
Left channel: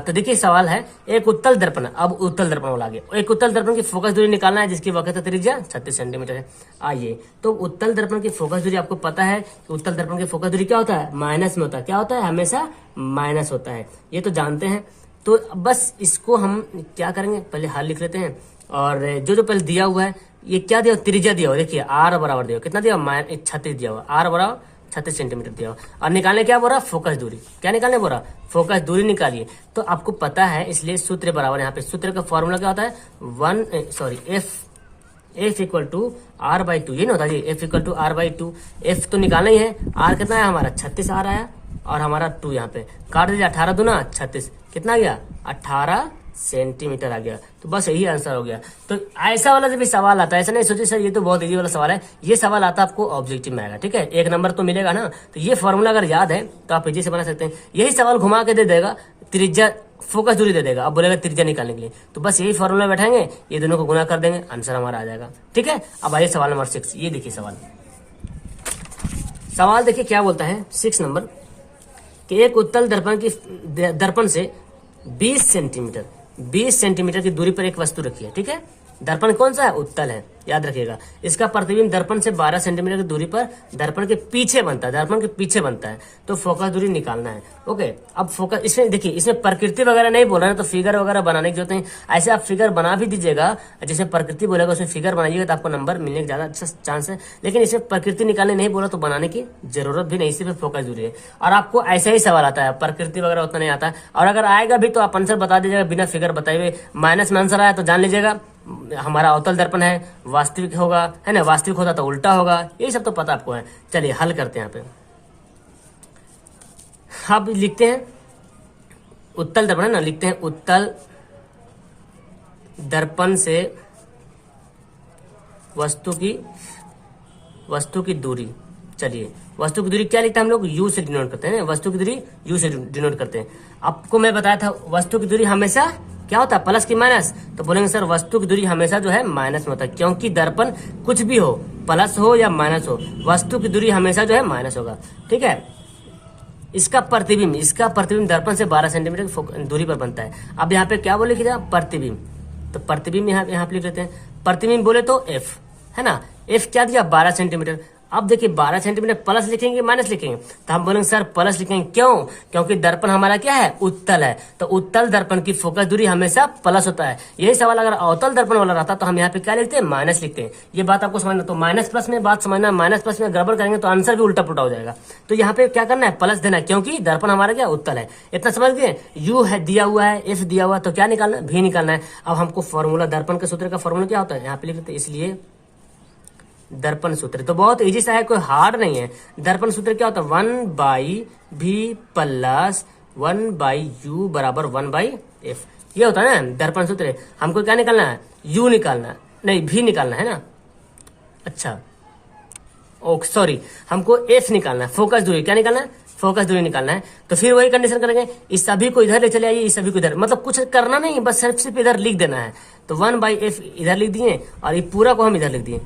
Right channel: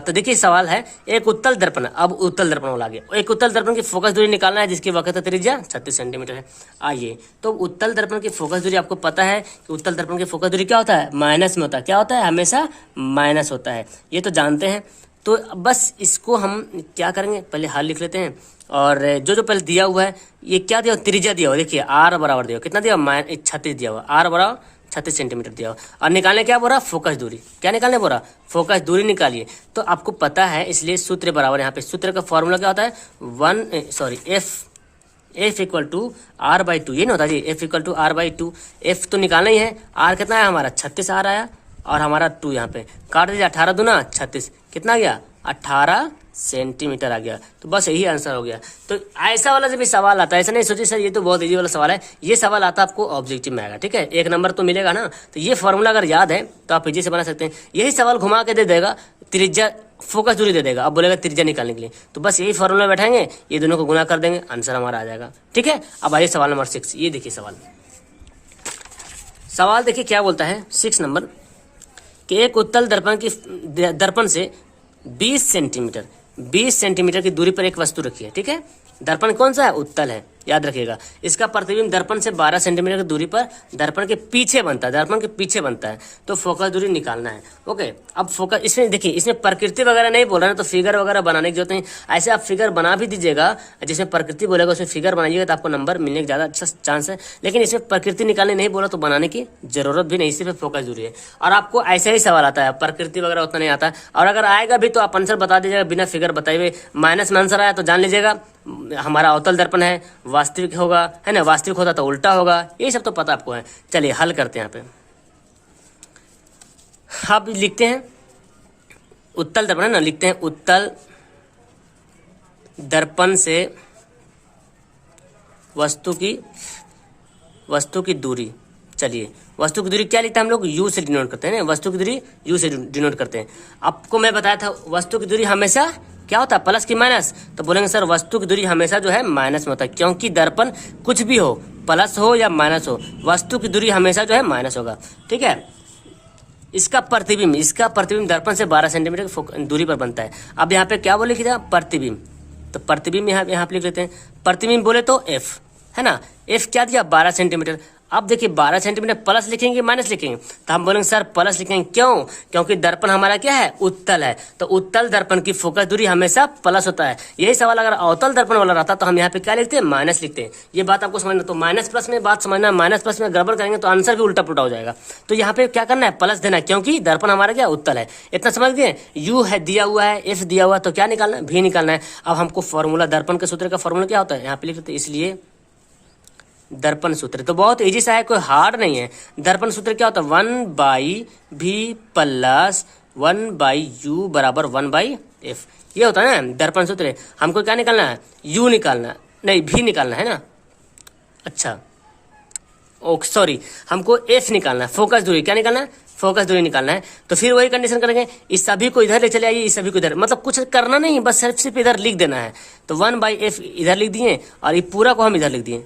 तो देखिए सवाल है, एक उत्तल दर्पण, अब उत्तल दर्पण वाला आगे, एक उत्तल दर्पण की फोकस दूरी निकालना है जिसकी वक्रता त्रिज्या 36 सेंटीमीटर है। आइए, तो उत्तल दर्पण की फोकस दूरी आपको पता है कि उत्तल दर्पण की फोकस दूरी क्या होता है, माइनस में होता है। क्या होता है, हमेशा माइनस होता है, ये तो जानते हैं। तो बस इसको हम क्या करेंगे, पहले हल लिख लेते हैं। और जो पहले दिया हुआ है, ये क्या दिया, त्रिज्या दिया हुआ, देखिए आर बराबर दिया हुआ, कितना दिया, 36 दिया हुआ, आर बराबर 36 सेंटीमीटर दिया हुआ। और निकालने क्या बोल रहा, फोकस दूरी, क्या निकालने बोल रहा, फोकस दूरी निकालिए। तो आपको पता है, इसलिए सूत्र बराबर, यहाँ पे सूत्र का फॉर्मूला क्या होता है, F equal to R by two, ये नहीं होता जी, F equal to R by two. F तो निकालना ही है, आर कितना है हमारा 36 आर आया, और हमारा 2 यहाँ पे काट दीजिए, 18 दूना 36, कितना आ गया, 18 सेंटीमीटर आ गया। तो बस यही आंसर हो गया। तो ऐसा वाला जब भी सवाल आता है, ऐसा नहीं सोचिए सर ये तो बहुत इजी वाला सवाल है, ये सवाल आता है आपको ऑब्जेक्टिव में आएगा, ठीक है। 1 नंबर तो मिलेगा ना। तो ये फॉर्मूला अगर याद है तो आप इजी से बना सकते हैं। यही सवाल घुमा के दे देगा, त्रिज्या फोकस दूरी दे देगा, अब बोलेगा त्रिज्या निकालने के लिए, तो बस यही फॉर्मूला बैठाएंगे, ये दोनों को गुना कर देंगे, आंसर हमारा आ जाएगा, ठीक है। अब आइए सवाल नंबर 6, ये देखिए सवाल देखिए क्या बोलता है 6 नंबर, कि एक उत्तल दर्पण से 20 सेंटीमीटर की दूरी पर एक वस्तु रखी है, ठीक है। दर्पण कौन सा है, उत्तल है, याद रखिएगा। इसका प्रतिबिंब दर्पण से 12 सेंटीमीटर की दूरी पर दर्पण के पीछे बनता है, तो फोकस दूरी निकालना है। ओके, अब फोकस, इसमें देखिए, इसमें प्रकृति वगैरह नहीं बोल रहा है, तो फिगर वगैरह बनाने की जरूरत नहीं। ऐसे आप फिगर बना भी दीजिएगा, जिसमें प्रकृति बोलेगा उसमें फिगर बनाइएगा तो आपको नंबर मिलने का ज्यादा अच्छा चांस है। लेकिन इसमें प्रकृति निकालने नहीं बोला तो बनाने की जरूरत भी नहीं, सिर्फ फोकस दूरी है। और आपको ऐसा ही सवाल आता है, प्रकृति वगैरह उतना नहीं आता है, और अगर आएगा भी तो आप आंसर बता दीजिएगा बिना फिगर बताए हुए। माइनस में आंसर आया तो जान लीजिएगा हमारा अवतल दर्पण है, वास्तविक होगा, है ना, वास्तविक होता तो उल्टा होगा, यही सब तो पता आपको है। चलिए हल करते हैं। यहाँ पे अब लिखते हैं उत्तल दर्पण है ना, लिखते हैं उत्तल दर्पण से वस्तु की दूरी। चलिए, वस्तु की दूरी क्या लिखते हैं हम लोग, यू से डिनोट करते हैं, वस्तु की दूरी यू से डिनोट करते हैं। आपको मैं बताया था वस्तु की दूरी हमेशा क्या होता है, प्लस की माइनस, तो बोलेंगे सर वस्तु की दूरी हमेशा जो है माइनस में होता है, क्योंकि दर्पण कुछ भी हो, प्लस हो या माइनस हो, वस्तु की दूरी हमेशा जो है माइनस होगा, ठीक है। इसका प्रतिबिंब दर्पण से 12 सेंटीमीटर की दूरी पर बनता है। अब यहाँ पे क्या बोले, प्रतिबिंब, तो प्रतिबिंब यहाँ पे लिख लेते हैं। प्रतिबिंब बोले तो एफ, है ना, एफ क्या दिया, 12 सेंटीमीटर। अब देखिए 12 सेंटीमीटर प्लस लिखेंगे माइनस लिखेंगे, तो हम बोलेंगे सर प्लस लिखेंगे, क्यों, क्योंकि दर्पण हमारा क्या है, उत्तल है, तो उत्तल दर्पण की फोकस दूरी हमेशा प्लस होता है। यही सवाल अगर अवतल दर्पण वाला रहता तो हम यहाँ पे क्या लिखते हैं, माइनस लिखते हैं। ये बात आपको समझना, तो माइनस प्लस में बात समझना, माइनस प्लस में गड़बड़ करेंगे तो आंसर भी उल्टा पुल्टा हो जाएगा। तो यहाँ पे क्या करना है, प्लस देना है, क्योंकि दर्पण हमारा क्या उत्तल है। इतना समझ गए, यू है दिया हुआ है, एफ दिया हुआ, तो क्या निकालना है, भी निकालना है। अब हमको फॉर्मूला, दर्पण के सूत्र का फॉर्मूला क्या होता है, यहाँ पे लिख लेते हैं, इसलिए दर्पण सूत्र तो बहुत इजी सा है, कोई हार्ड नहीं है। दर्पण सूत्र क्या होता है, 1/v प्लस 1/u बराबर 1/f, ये होता है ना दर्पण सूत्र। हमको क्या निकालना है, u निकालना, नहीं v निकालना है ना, अच्छा ओके सॉरी, हमको f निकालना है, फोकस दूरी, क्या निकालना है, फोकस दूरी निकालना है। तो फिर वही कंडीशन करेंगे, इस सभी को इधर ले चले आइए, इस सभी को इधर, मतलब कुछ करना नहीं, बस सिर्फ इधर लिख देना है। तो 1/f इधर लिख दिए और ये पूरा को हम इधर लिख दिए।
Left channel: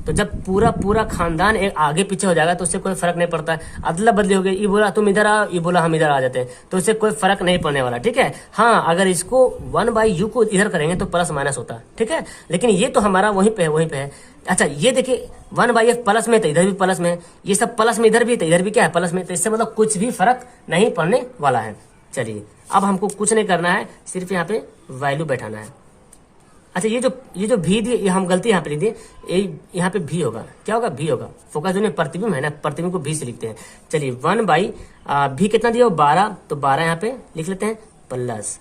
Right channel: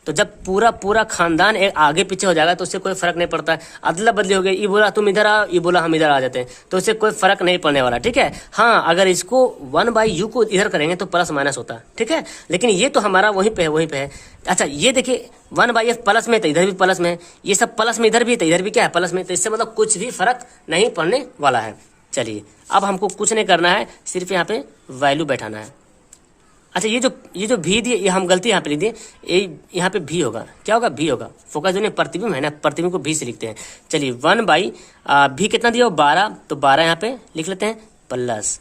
तो जब पूरा खानदान एक आगे पीछे हो जाएगा तो उससे कोई फर्क नहीं पड़ता है। अदला बदली हो गई, ये बोला तुम इधर आओ, ये बोला हम इधर आ जाते हैं, तो उससे कोई फर्क नहीं पड़ने वाला, ठीक है। हाँ, अगर इसको 1/u को इधर करेंगे तो प्लस माइनस होता है, ठीक है, लेकिन ये तो हमारा वहीं पे है। अच्छा ये देखिए 1/f प्लस में तो इधर भी प्लस में, ये सब प्लस में इधर भी, तो इधर भी क्या है प्लस में, तो इससे मतलब कुछ भी फर्क नहीं पड़ने वाला है। चलिए अब हमको कुछ नहीं करना है, सिर्फ यहाँ पे वैल्यू बैठाना है। अच्छा ये जो भी दिए, ये हम गलती यहाँ पे लिख दिए, यहाँ पे भी होगा, क्या होगा, भी होगा, फोकस जो प्रतिबिंब है ना, प्रतिबिंब को भी से लिखते हैं। चलिए 1/भी कितना दिया हो, 12, तो 12 यहाँ पे लिख लेते हैं प्लस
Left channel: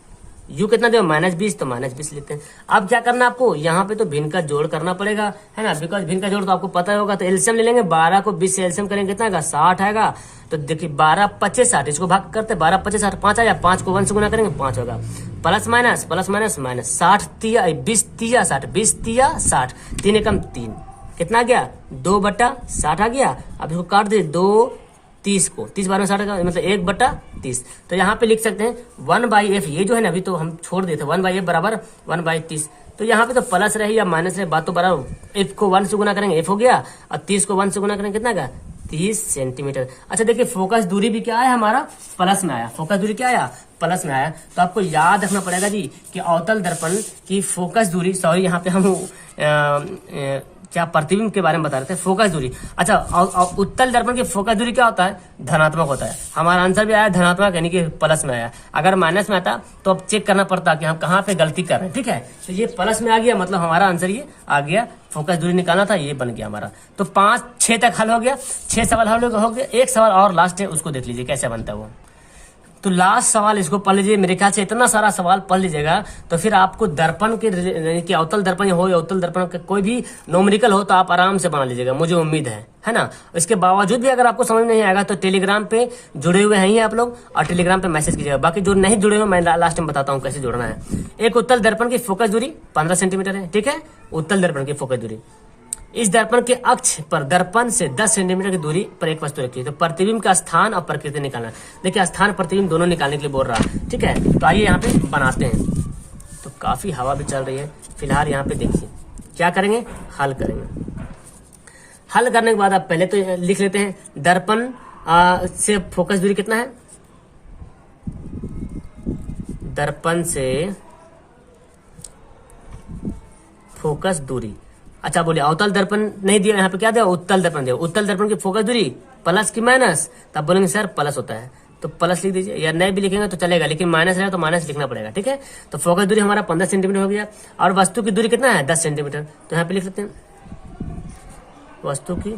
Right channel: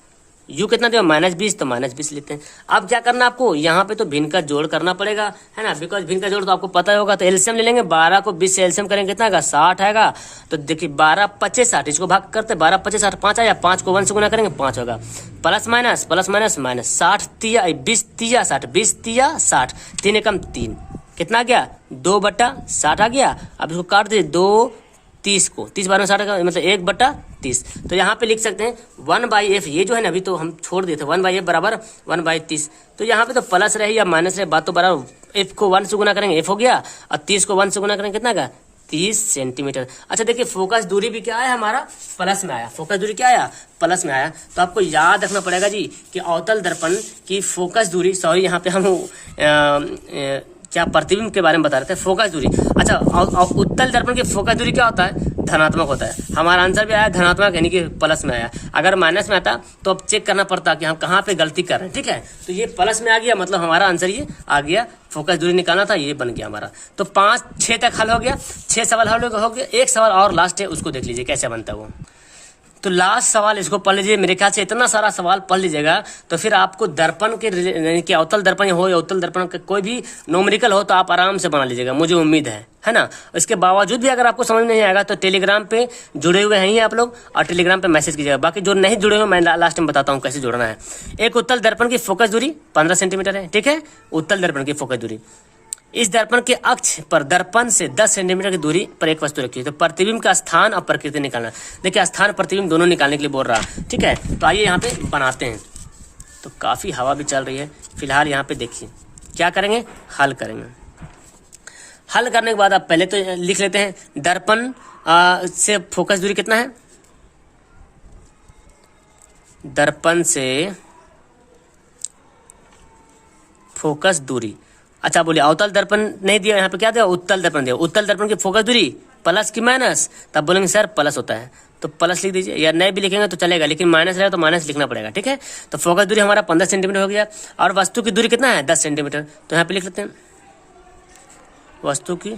u कितना दिया -20, तो -20 लेते हैं। अब क्या करना आपको, यहाँ पे तो भिन्न का जोड़ करना पड़ेगा, है ना, बिकॉज भिन्न का जोड़ तो आपको पता ही होगा। तो एलसीएम ले लेंगे, 12 को 20 से एलसीएम करेंगे, कितना आएगा 60 आएगा। तो देखिए 12 25 60, इसको भाग करते 12 25 60 5 आया, 5 को 1 से गुना करेंगे 5 होगा, plus minus plus minus minus 60 तिया 20 तिया 60, 20 तिया 60, 3 एकम 3, कितना आ गया 2/60 आ गया। अब इसको काट दे 2 30 को 30 12 60 का मतलब 1/30। तो यहाँ पे लिख सकते हैं 1/f, ये जो है ना अभी तो हम छोड़ देते 1/f बराबर 1/30। तो यहाँ पे तो प्लस रहे या माइनस रहे बात तो बराबर, f को 1 से गुना करेंगे f हो गया, और 30 को 1 से गुना करेंगे कितना का 30 सेंटीमीटर। अच्छा देखिए फोकस दूरी भी क्या आया हमारा, प्लस में आया, फोकस दूरी क्या आया प्लस में आया। तो आपको याद रखना पड़ेगा जी कि अवतल दर्पण की फोकस दूरी, सॉरी यहाँ पे हम क्या प्रतिबिंब के बारे में बता रहे थे, फोकस दूरी। अच्छा उत्तल दर्पण की फोकस दूरी क्या होता है, धनात्मक होता है। हमारा आंसर भी आया धनात्मक, यानी कि प्लस में आया। अगर माइनस में आता तो अब चेक करना पड़ता कि हम कहाँ पे गलती कर रहे हैं, ठीक है। तो ये प्लस में आ गया, मतलब हमारा आंसर ये आ गया, फोकस दूरी निकालना था, ये बन गया हमारा। तो 5 6 तक हल हो गया, 6 सवाल हल हो गया। एक सवाल और लास्ट है, उसको देख लीजिए कैसे बनता है वो। तो लास्ट सवाल इसको पढ़ लीजिए, मेरे ख्याल से इतना सारा सवाल पढ़ लीजिएगा तो फिर आपको दर्पण के यानी कि अवतल दर्पण हो या उत्तल दर्पण का कोई भी न्यूमेरिकल हो तो आप आराम से बना लीजिएगा, मुझे उम्मीद है ना। इसके बावजूद भी अगर आपको समझ नहीं आएगा तो टेलीग्राम पे जुड़े हुए हैं आप लोग, और टेलीग्राम पे मैसेज कीजिएगा। बाकी जो नहीं जुड़े हुए मैं लास्ट में बताता हूँ कैसे जुड़ना है। एक उत्तल दर्पण की फोकस दूरी 15 सेंटीमीटर है, ठीक है, उत्तल दर्पण की फोकस दूरी। इस दर्पण के अक्ष पर दर्पण से 10 सेंटीमीटर की दूरी पर एक वस्तु रखी है। तो प्रतिबिंब का स्थान और प्रकृति निकालना। देखिए स्थान प्रतिबिंब दोनों निकालने के लिए बोल रहा, ठीक है। तो आइए यहाँ पे बनाते हैं। तो काफी हवा भी चल रही है फिलहाल, यहाँ पे देखिए क्या करेंगे, हल करेंगे। हल करने के बाद आप पहले तो लिख लेते हैं दर्पण से फोकस दूरी कितना है, दर्पण से फोकस दूरी। अच्छा बोलिए अवतल दर्पण नहीं दिया, यहाँ पे क्या दिया, उत्तल दर्पण दिया। उत्तल दर्पण की फोकस दूरी प्लस की माइनस, तब बोलेंगे सर प्लस होता है, तो प्लस लिख दीजिए, या नहीं भी लिखेंगे तो चलेगा, लेकिन माइनस रहेगा तो माइनस लिखना पड़ेगा, ठीक है। तो फोकस दूरी हमारा 15 सेंटीमीटर हो गया, और वस्तु की दूरी कितना है 10 सेंटीमीटर। तो यहाँ पे लिख लेते हैं वस्तु की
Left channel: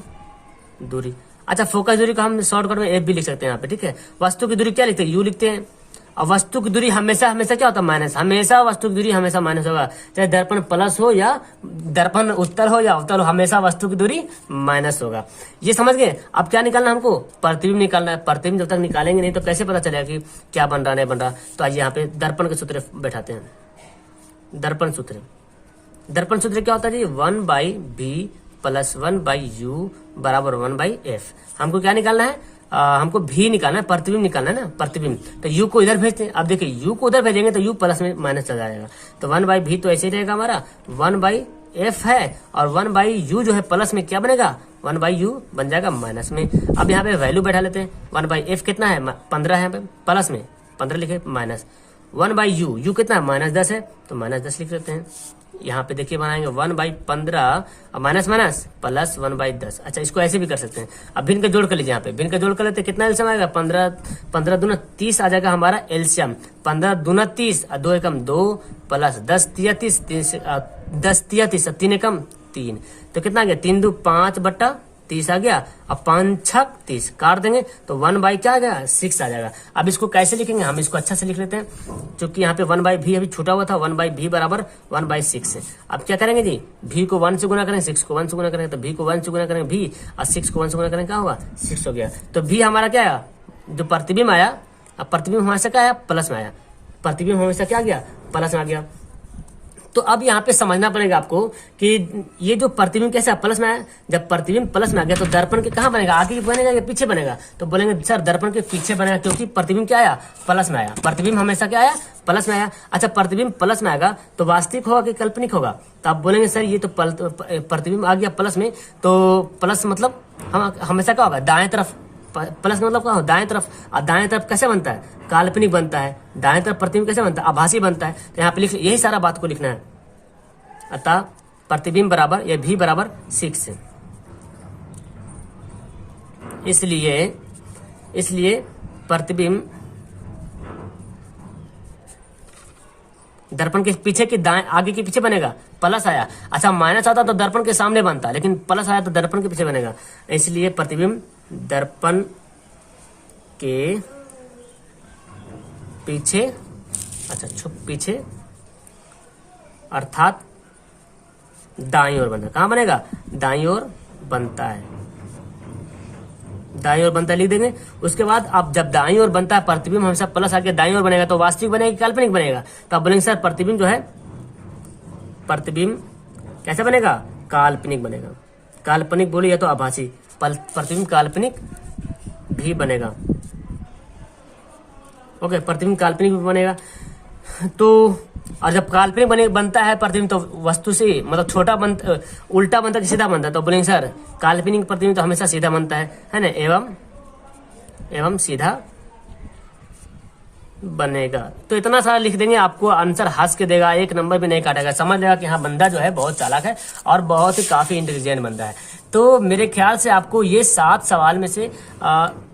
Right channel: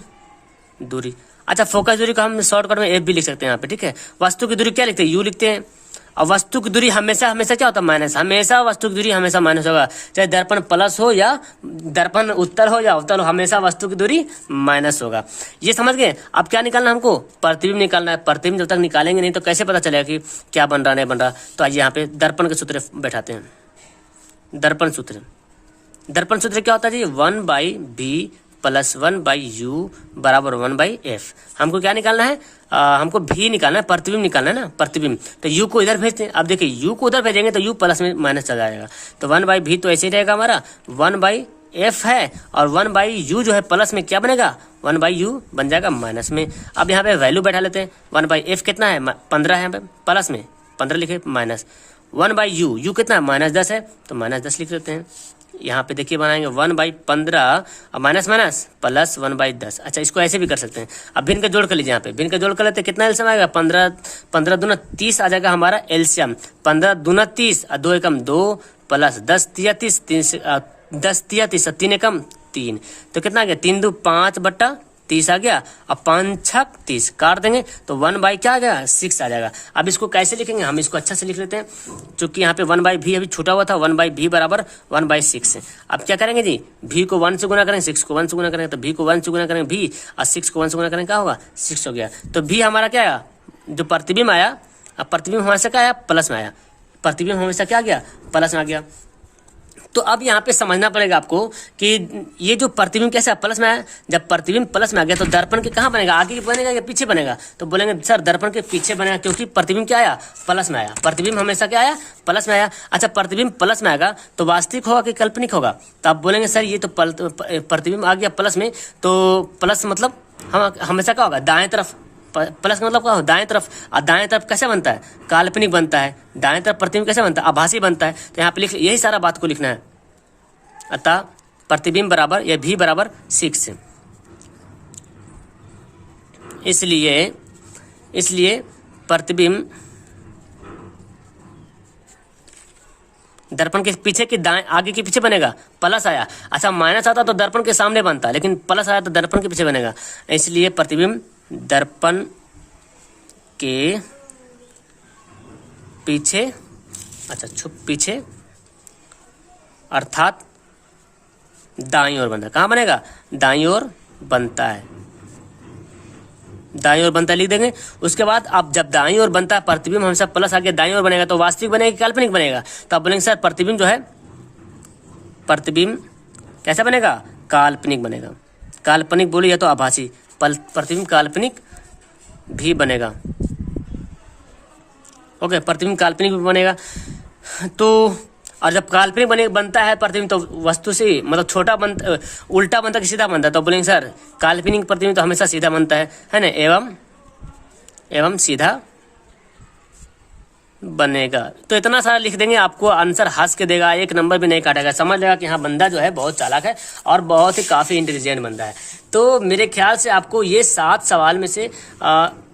दूरी। अच्छा फोकस दूरी को हम शॉर्टकट में एफ भी लिख सकते हैं यहाँ पे, ठीक है। वस्तु की दूरी क्या लिखते हैं, यू लिखते हैं। और वस्तु की दूरी हमेशा हमेशा क्या होता है, माइनस। हमेशा वस्तु की दूरी हमेशा माइनस होगा, चाहे दर्पण प्लस हो या दर्पण उत्तल हो या अवतल हो, हमेशा वस्तु की दूरी माइनस होगा। ये समझ गए। अब क्या निकालना हमको, प्रतिबिंब निकालना है। प्रतिबिंब जब तक निकालेंगे नहीं तो कैसे पता चलेगा कि क्या बन रहा नहीं बन रहा। तो आइए यहाँ पे दर्पण के सूत्र बैठाते हैं। दर्पण सूत्र, दर्पण सूत्र क्या होता है जी, 1/b प्लस 1/u बराबर 1/f। हमको क्या निकालना है, हमको भी निकालना है, प्रतिबिंब निकालना है ना, प्रतिबिंब। तो u को इधर भेजते हैं। अब देखिए u को उधर भेजेंगे तो u प्लस में माइनस चला जाएगा, तो 1/v तो ऐसे ही रहेगा हमारा, 1/f है, और 1/u जो है प्लस में क्या बनेगा, 1/u बन जाएगा माइनस में। अब यहाँ पे वैल्यू बैठा लेते हैं। 1/f कितना है 15 है, यहाँ पे प्लस में 15 लिखे, माइनस 1/u, u कितना है -10 है, तो -10 लिख लेते हैं। यहाँ पे देखिए बनाएंगे 1/15 और माइनस माइनस प्लस 1/10। अच्छा इसको ऐसे भी कर सकते हैं। अब भिन्न का जोड़ कर लीजिए, यहाँ पे भिन्न का जोड़ कर लेते हैं, कितना एलसीएम आएगा, 15 दूना 30 आ जाएगा हमारा एलसीएम। 15 दूना 30 और 2 एकम 2 प्लस 10 तिया 30, 10 तिया 30 और 3 एकम 3, तो कितना आ गया 3 2 5/30 आ गया, और 5 6 30 काट देंगे तो 1 क्या आ गया 6 आ जाएगा। अब इसको कैसे लिखेंगे, हम इसको अच्छा से लिख लेते हैं, क्योंकि यहाँ पे 1/v अभी छूटा हुआ था, 1/v बराबर 1/6 है। अब क्या करेंगे जी, v को 1 से गुना करेंगे, 6 को 1 से गुना करेंगे, तो v को 1 से गुना करेंगे v, और 6 को 1 से गुना करेंगे क्या होगा 6 हो गया। तो v हमारा क्या आया, जो प्रतिबिंब आया, अब प्रतिबिंब हमेशा क्या आया प्लस में आया, प्रतिबिंब हमेशा क्या गया प्लस में आ गया। तो अब यहाँ पे समझना पड़ेगा आपको कि ये जो प्रतिबिंब कैसे प्लस में आया, जब प्रतिबिंब प्लस में आ गया तो दर्पण के कहाँ बनेगा, आगे बनेगा या पीछे बनेगा, तो बोलेंगे सर दर्पण के पीछे बनेगा, क्योंकि प्रतिबिंब क्या आया प्लस में आया, प्रतिबिंब हमेशा क्या आया प्लस में आया। अच्छा प्रतिबिंब प्लस में आएगा तो वास्तविक होगा कि काल्पनिक होगा, तो आप बोलेंगे सर ये तो प्रतिबिंब आ गया प्लस में, तो प्लस मतलब हम हमेशा क्या होगा दाएं तरफ, प्लस मतलब क्या हो दाएं तरफ, और दाएं तरफ कैसे बनता है काल्पनिक बनता है, दाएं तरफ प्रतिबिंब कैसे बनता है आभासी बनता है। तो यहाँ पे लिख यही सारा बात को लिखना है। अतः प्रतिबिंब बराबर या v बराबर 6, इसलिए प्रतिबिंब दर्पण के पीछे की दाएं आगे के पीछे बनेगा, प्लस आया। अच्छा माइनस आता तो दर्पण के सामने बनता, लेकिन प्लस आया तो दर्पण के पीछे बनेगा, इसलिए प्रतिबिंब दर्पण के पीछे अच्छा, छुप पीछे अर्थात दाईं ओर बनता है। कहाँ बनेगा? दाईं ओर बनता है, दाईं ओर बनता है लिख देंगे। उसके बाद अब जब दाईं ओर बनता है प्रतिबिंब हमेशा प्लस आगे दाईं ओर बनेगा, तो वास्तविक बनेगा कि काल्पनिक बनेगा? तो आप बोलेंगे सर प्रतिबिंब जो है, प्रतिबिंब कैसा बनेगा? काल्पनिक बनेगा। काल्पनिक बोलिए तो आभासी, प्रतिबिंब काल्पनिक भी बनेगा। ओके, प्रतिबिंब काल्पनिक भी बनेगा। तो और जब काल्पनिक बनता है प्रतिबिंब तो वस्तु से मतलब छोटा बनता, उल्टा बनता कि सीधा बनता है? तो बोलेंगे सर काल्पनिक प्रतिबिंब तो हमेशा सीधा बनता है ना, एवं सीधा बनेगा। तो इतना सारा लिख देंगे, आपको आंसर हंस के देगा, एक नंबर भी नहीं काटेगा, समझ लेगा कि हाँ बंदा जो है बहुत चालाक है और बहुत ही काफी इंटेलिजेंट बंदा है। तो मेरे ख्याल से आपको ये 7 सवाल में से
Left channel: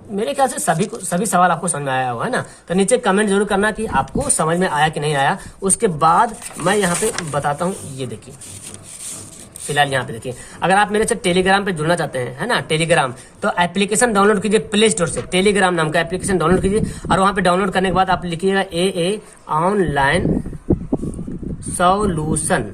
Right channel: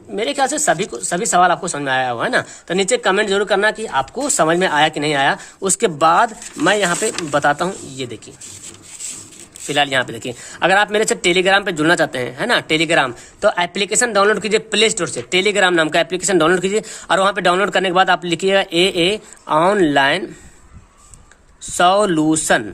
मेरे ख्याल से सभी सवाल आपको समझ में आया हुआ है ना। तो नीचे कमेंट जरूर करना कि आपको समझ में आया कि नहीं आया। उसके बाद मैं यहाँ पे बताता हूँ, ये देखिए फिलहाल यहाँ पे देखिए, अगर आप मेरे से टेलीग्राम पे जुड़ना चाहते हैं, है ना, टेलीग्राम, तो एप्लीकेशन डाउनलोड कीजिए प्ले स्टोर से, टेलीग्राम नाम का एप्लीकेशन डाउनलोड कीजिए और वहाँ पे डाउनलोड करने के बाद आप लिखिएगा AA ऑनलाइन सॉल्यूशन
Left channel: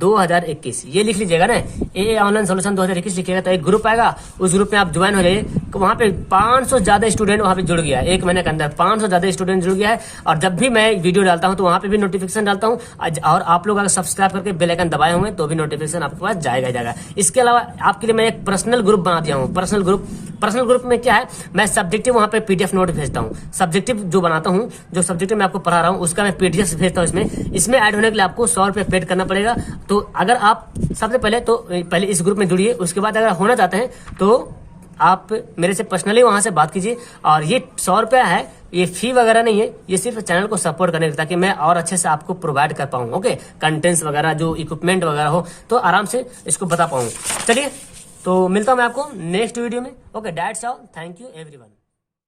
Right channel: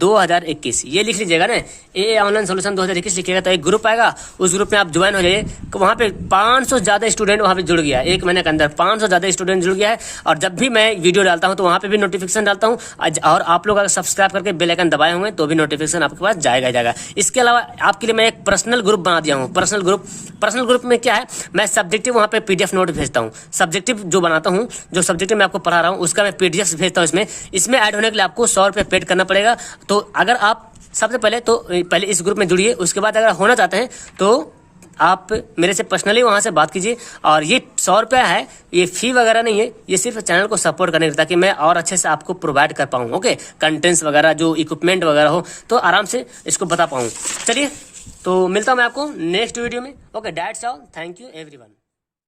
2021, ये लिख लीजिएगा ना, AA ऑनलाइन सॉल्यूशन 2021 लिखिएगा तो एक ग्रुप आएगा, उस ग्रुप में आप ज्वाइन हो जाइए। तो वहाँ पे 500 ज़्यादा स्टूडेंट वहाँ पे जुड़ गया है, 1 महीने के अंदर 500 ज़्यादा स्टूडेंट जुड़ गया है। और जब भी मैं वीडियो डालता हूँ तो वहाँ पे भी नोटिफिकेशन डालता हूँ, और आप लोग अगर सब्सक्राइब करके बेल आइकन दबाए होंगे तो भी नोटिफिकेशन आपके पास जाएगा। इसके अलावा आपके लिए मैं एक पर्सनल ग्रुप बना दिया हूँ। पर्सनल ग्रुप में क्या है, मैं सब्जेक्टिव वहाँ पे PDF नोट भेजता हूँ, सब्जेक्टिव जो बनाता हूँ, जो सब्जेक्टिव मैं आपको पढ़ा रहा हूँ उसका मैं PDF भेजता हूँ। इसमें ऐड होने के लिए आपको 100 रुपये पेड करना पड़ेगा। तो अगर आप सबसे पहले इस ग्रुप में जुड़िए, उसके बाद अगर होना चाहते हैं तो आप मेरे से पर्सनली वहां से बात कीजिए। और ये 100 रुपया है, ये फी वगैरह नहीं है, ये सिर्फ चैनल को सपोर्ट करने के ताकि मैं और अच्छे से आपको प्रोवाइड कर पाऊँ। ओके, कंटेंट्स वगैरह जो इक्विपमेंट वगैरह हो तो आराम से इसको बता पाऊँ। चलिए, तो मिलता हूँ मैं आपको नेक्स्ट वीडियो में। Okay, that's all, thank you everyone.